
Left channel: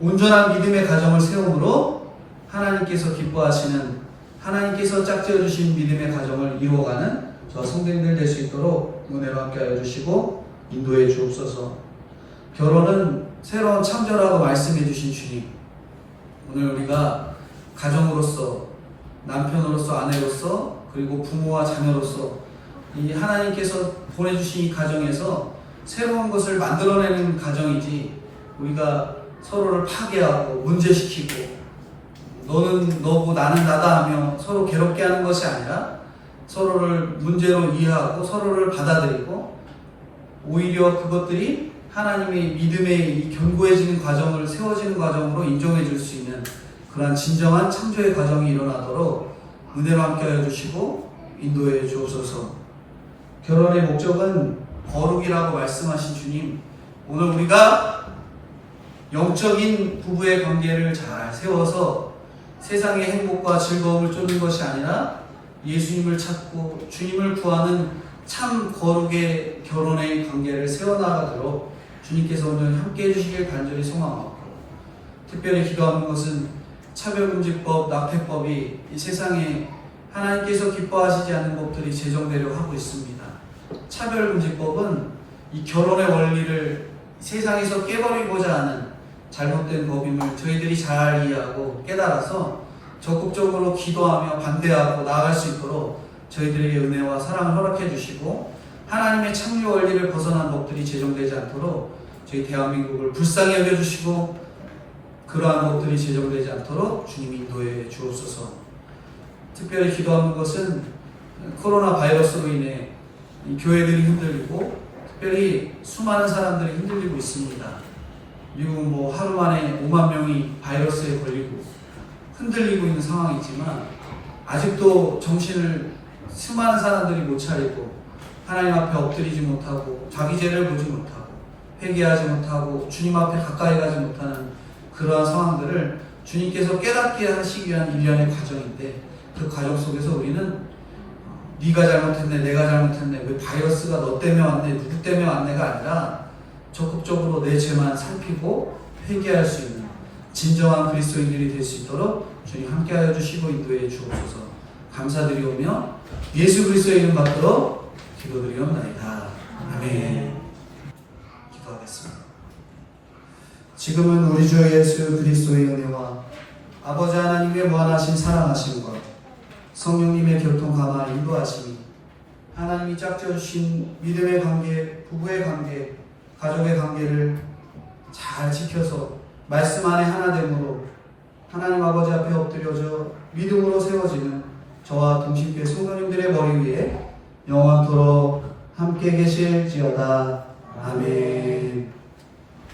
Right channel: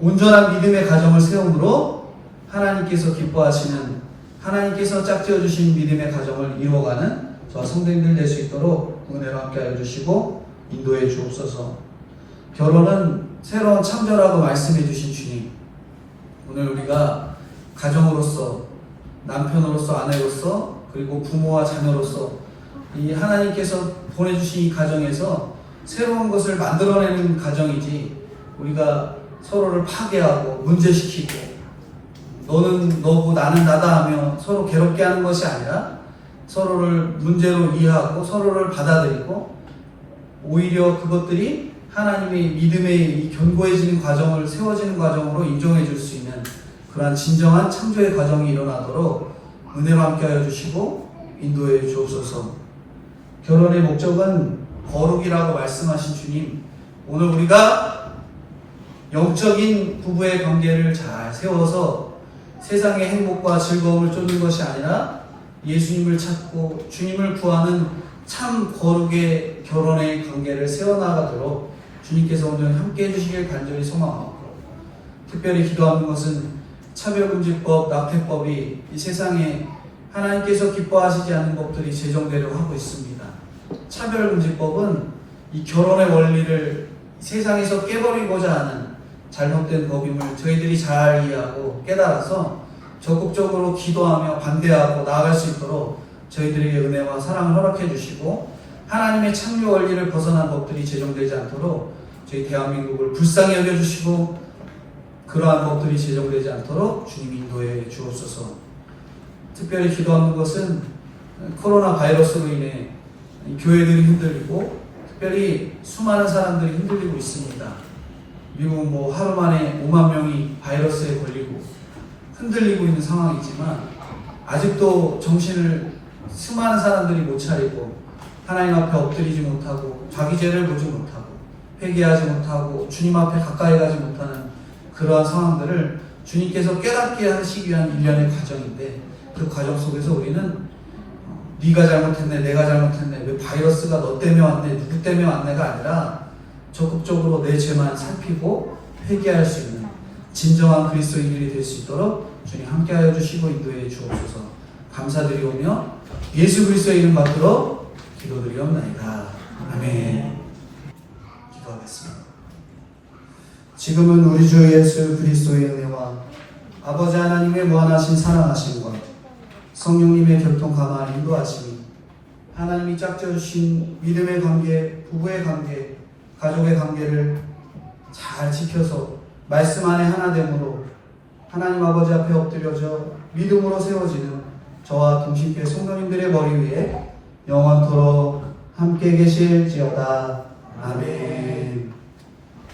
온전한 믿음의 가정을 세움으로 하나님께서 기뻐하시는 하나님께서 짝지어 주신 믿음의 가정을 이루어가는 저와 성도님들 될 수 있도록 은혜로 함께하여 주시고 인도해 주옵소서. 결혼은 새로운 창조라고 말씀해 주신 주님, 오늘 우리가 가정으로서 남편으로서 아내로서 그리고 부모와 자녀로서 이 하나님께서 보내주신 이 가정에서 새로운 것을 만들어내는 가정이지 우리가 서로를 파괴하고 문제시키고 너는 너고 나는 나다 하며 서로 괴롭게 하는 것이 아니라 서로를 문제로 이해하고 서로를 받아들이고 오히려 그것들이 하나님의 믿음의 이 견고해지는 과정을 세워지는 과정으로 인정해 줄 수 있는 그러한 진정한 창조의 과정이 일어나도록 은혜로 함께하여 주시고 인도해 주옵소서. 결혼의 목적은 거룩이라고 말씀하신 주님, 오늘 우리가 영적인 부부의 관계를 잘 세워서 세상의 행복과 즐거움을 쫓는 것이 아니라 예수님을 찾고 주님을 구하는 참 거룩의 결혼의 관계를 세워나가도록 주님께서 온전히 함께해 주시길 간절히 소망하고 특별히 기도하는 것은 차별금지법, 낙태법이 이 세상에 하나님께서 기뻐하시지 않는 법들이 제정되려고 하고 있습니다. 차별금지법은 이 결혼의 원리를 세상에서 깨버리고자 하는 잘못된 법임을 저희들이 잘 이해하고 깨달아서 적극적으로 기도하며 반대하고 나아갈 수 있도록 저희들에게 은혜와 사랑을 허락해 주시고 하나님의 창조 원리를 벗어난 법들이 제정되지 않도록 저희 대한민국을 불쌍히 여겨주시고 그러한 법들이 제정되지 않도록 주님 인도해 주옵소서. 특별히 기도하는 것은 코로나 바이러스로 인해 교회들이 흔들리고 특별히 수많은 사람들이 흔들리고 있습니다. 미국은 하루 만에 5만 명이 바이러스에 걸리고 흔들리고 있는 상황이지만 아직도 정신을 수많은 사람들이 못 차리고 하나님 앞에 엎드리지 못하고 자기 죄를 보지 못하고 회개하지 못하고 주님 앞에 가까이 가지 못하는 그러한 상황들을 주님께서 깨닫게 하시기 위한 일련의 과정인데 그 과정 속에서 우리는 네가 잘못했네, 내가 잘못했네, 왜 바이러스가 너 때문에 왔네, 누구 때문에 왔네가 아니라 적극적으로 내 죄만 살피고 회개할 수 있는 진정한 그리스도인들이 될 수 있도록 주님 함께하여 주시고 인도해 주옵소서. 감사드리오며 예수 그리스도의 이름 받들어 기도드리옵나이다. 아멘. 기도하겠습니다. 지금은 우리 주 예수 그리스도의 은혜와 아버지 하나님의 무한하신 사랑하심과 성령님의 교통 감화 인도하심이 하나님이 짝지어주신 믿음의 관계, 부부의 관계, 가족의 관계를 잘 지켜서 말씀 안에 하나됨으로 하나님 아버지 앞에 엎드려져 믿음으로 세워지는 저와 동신교회 성도님들의 머리 위에 영원토록 함께 계실지어다. 아멘.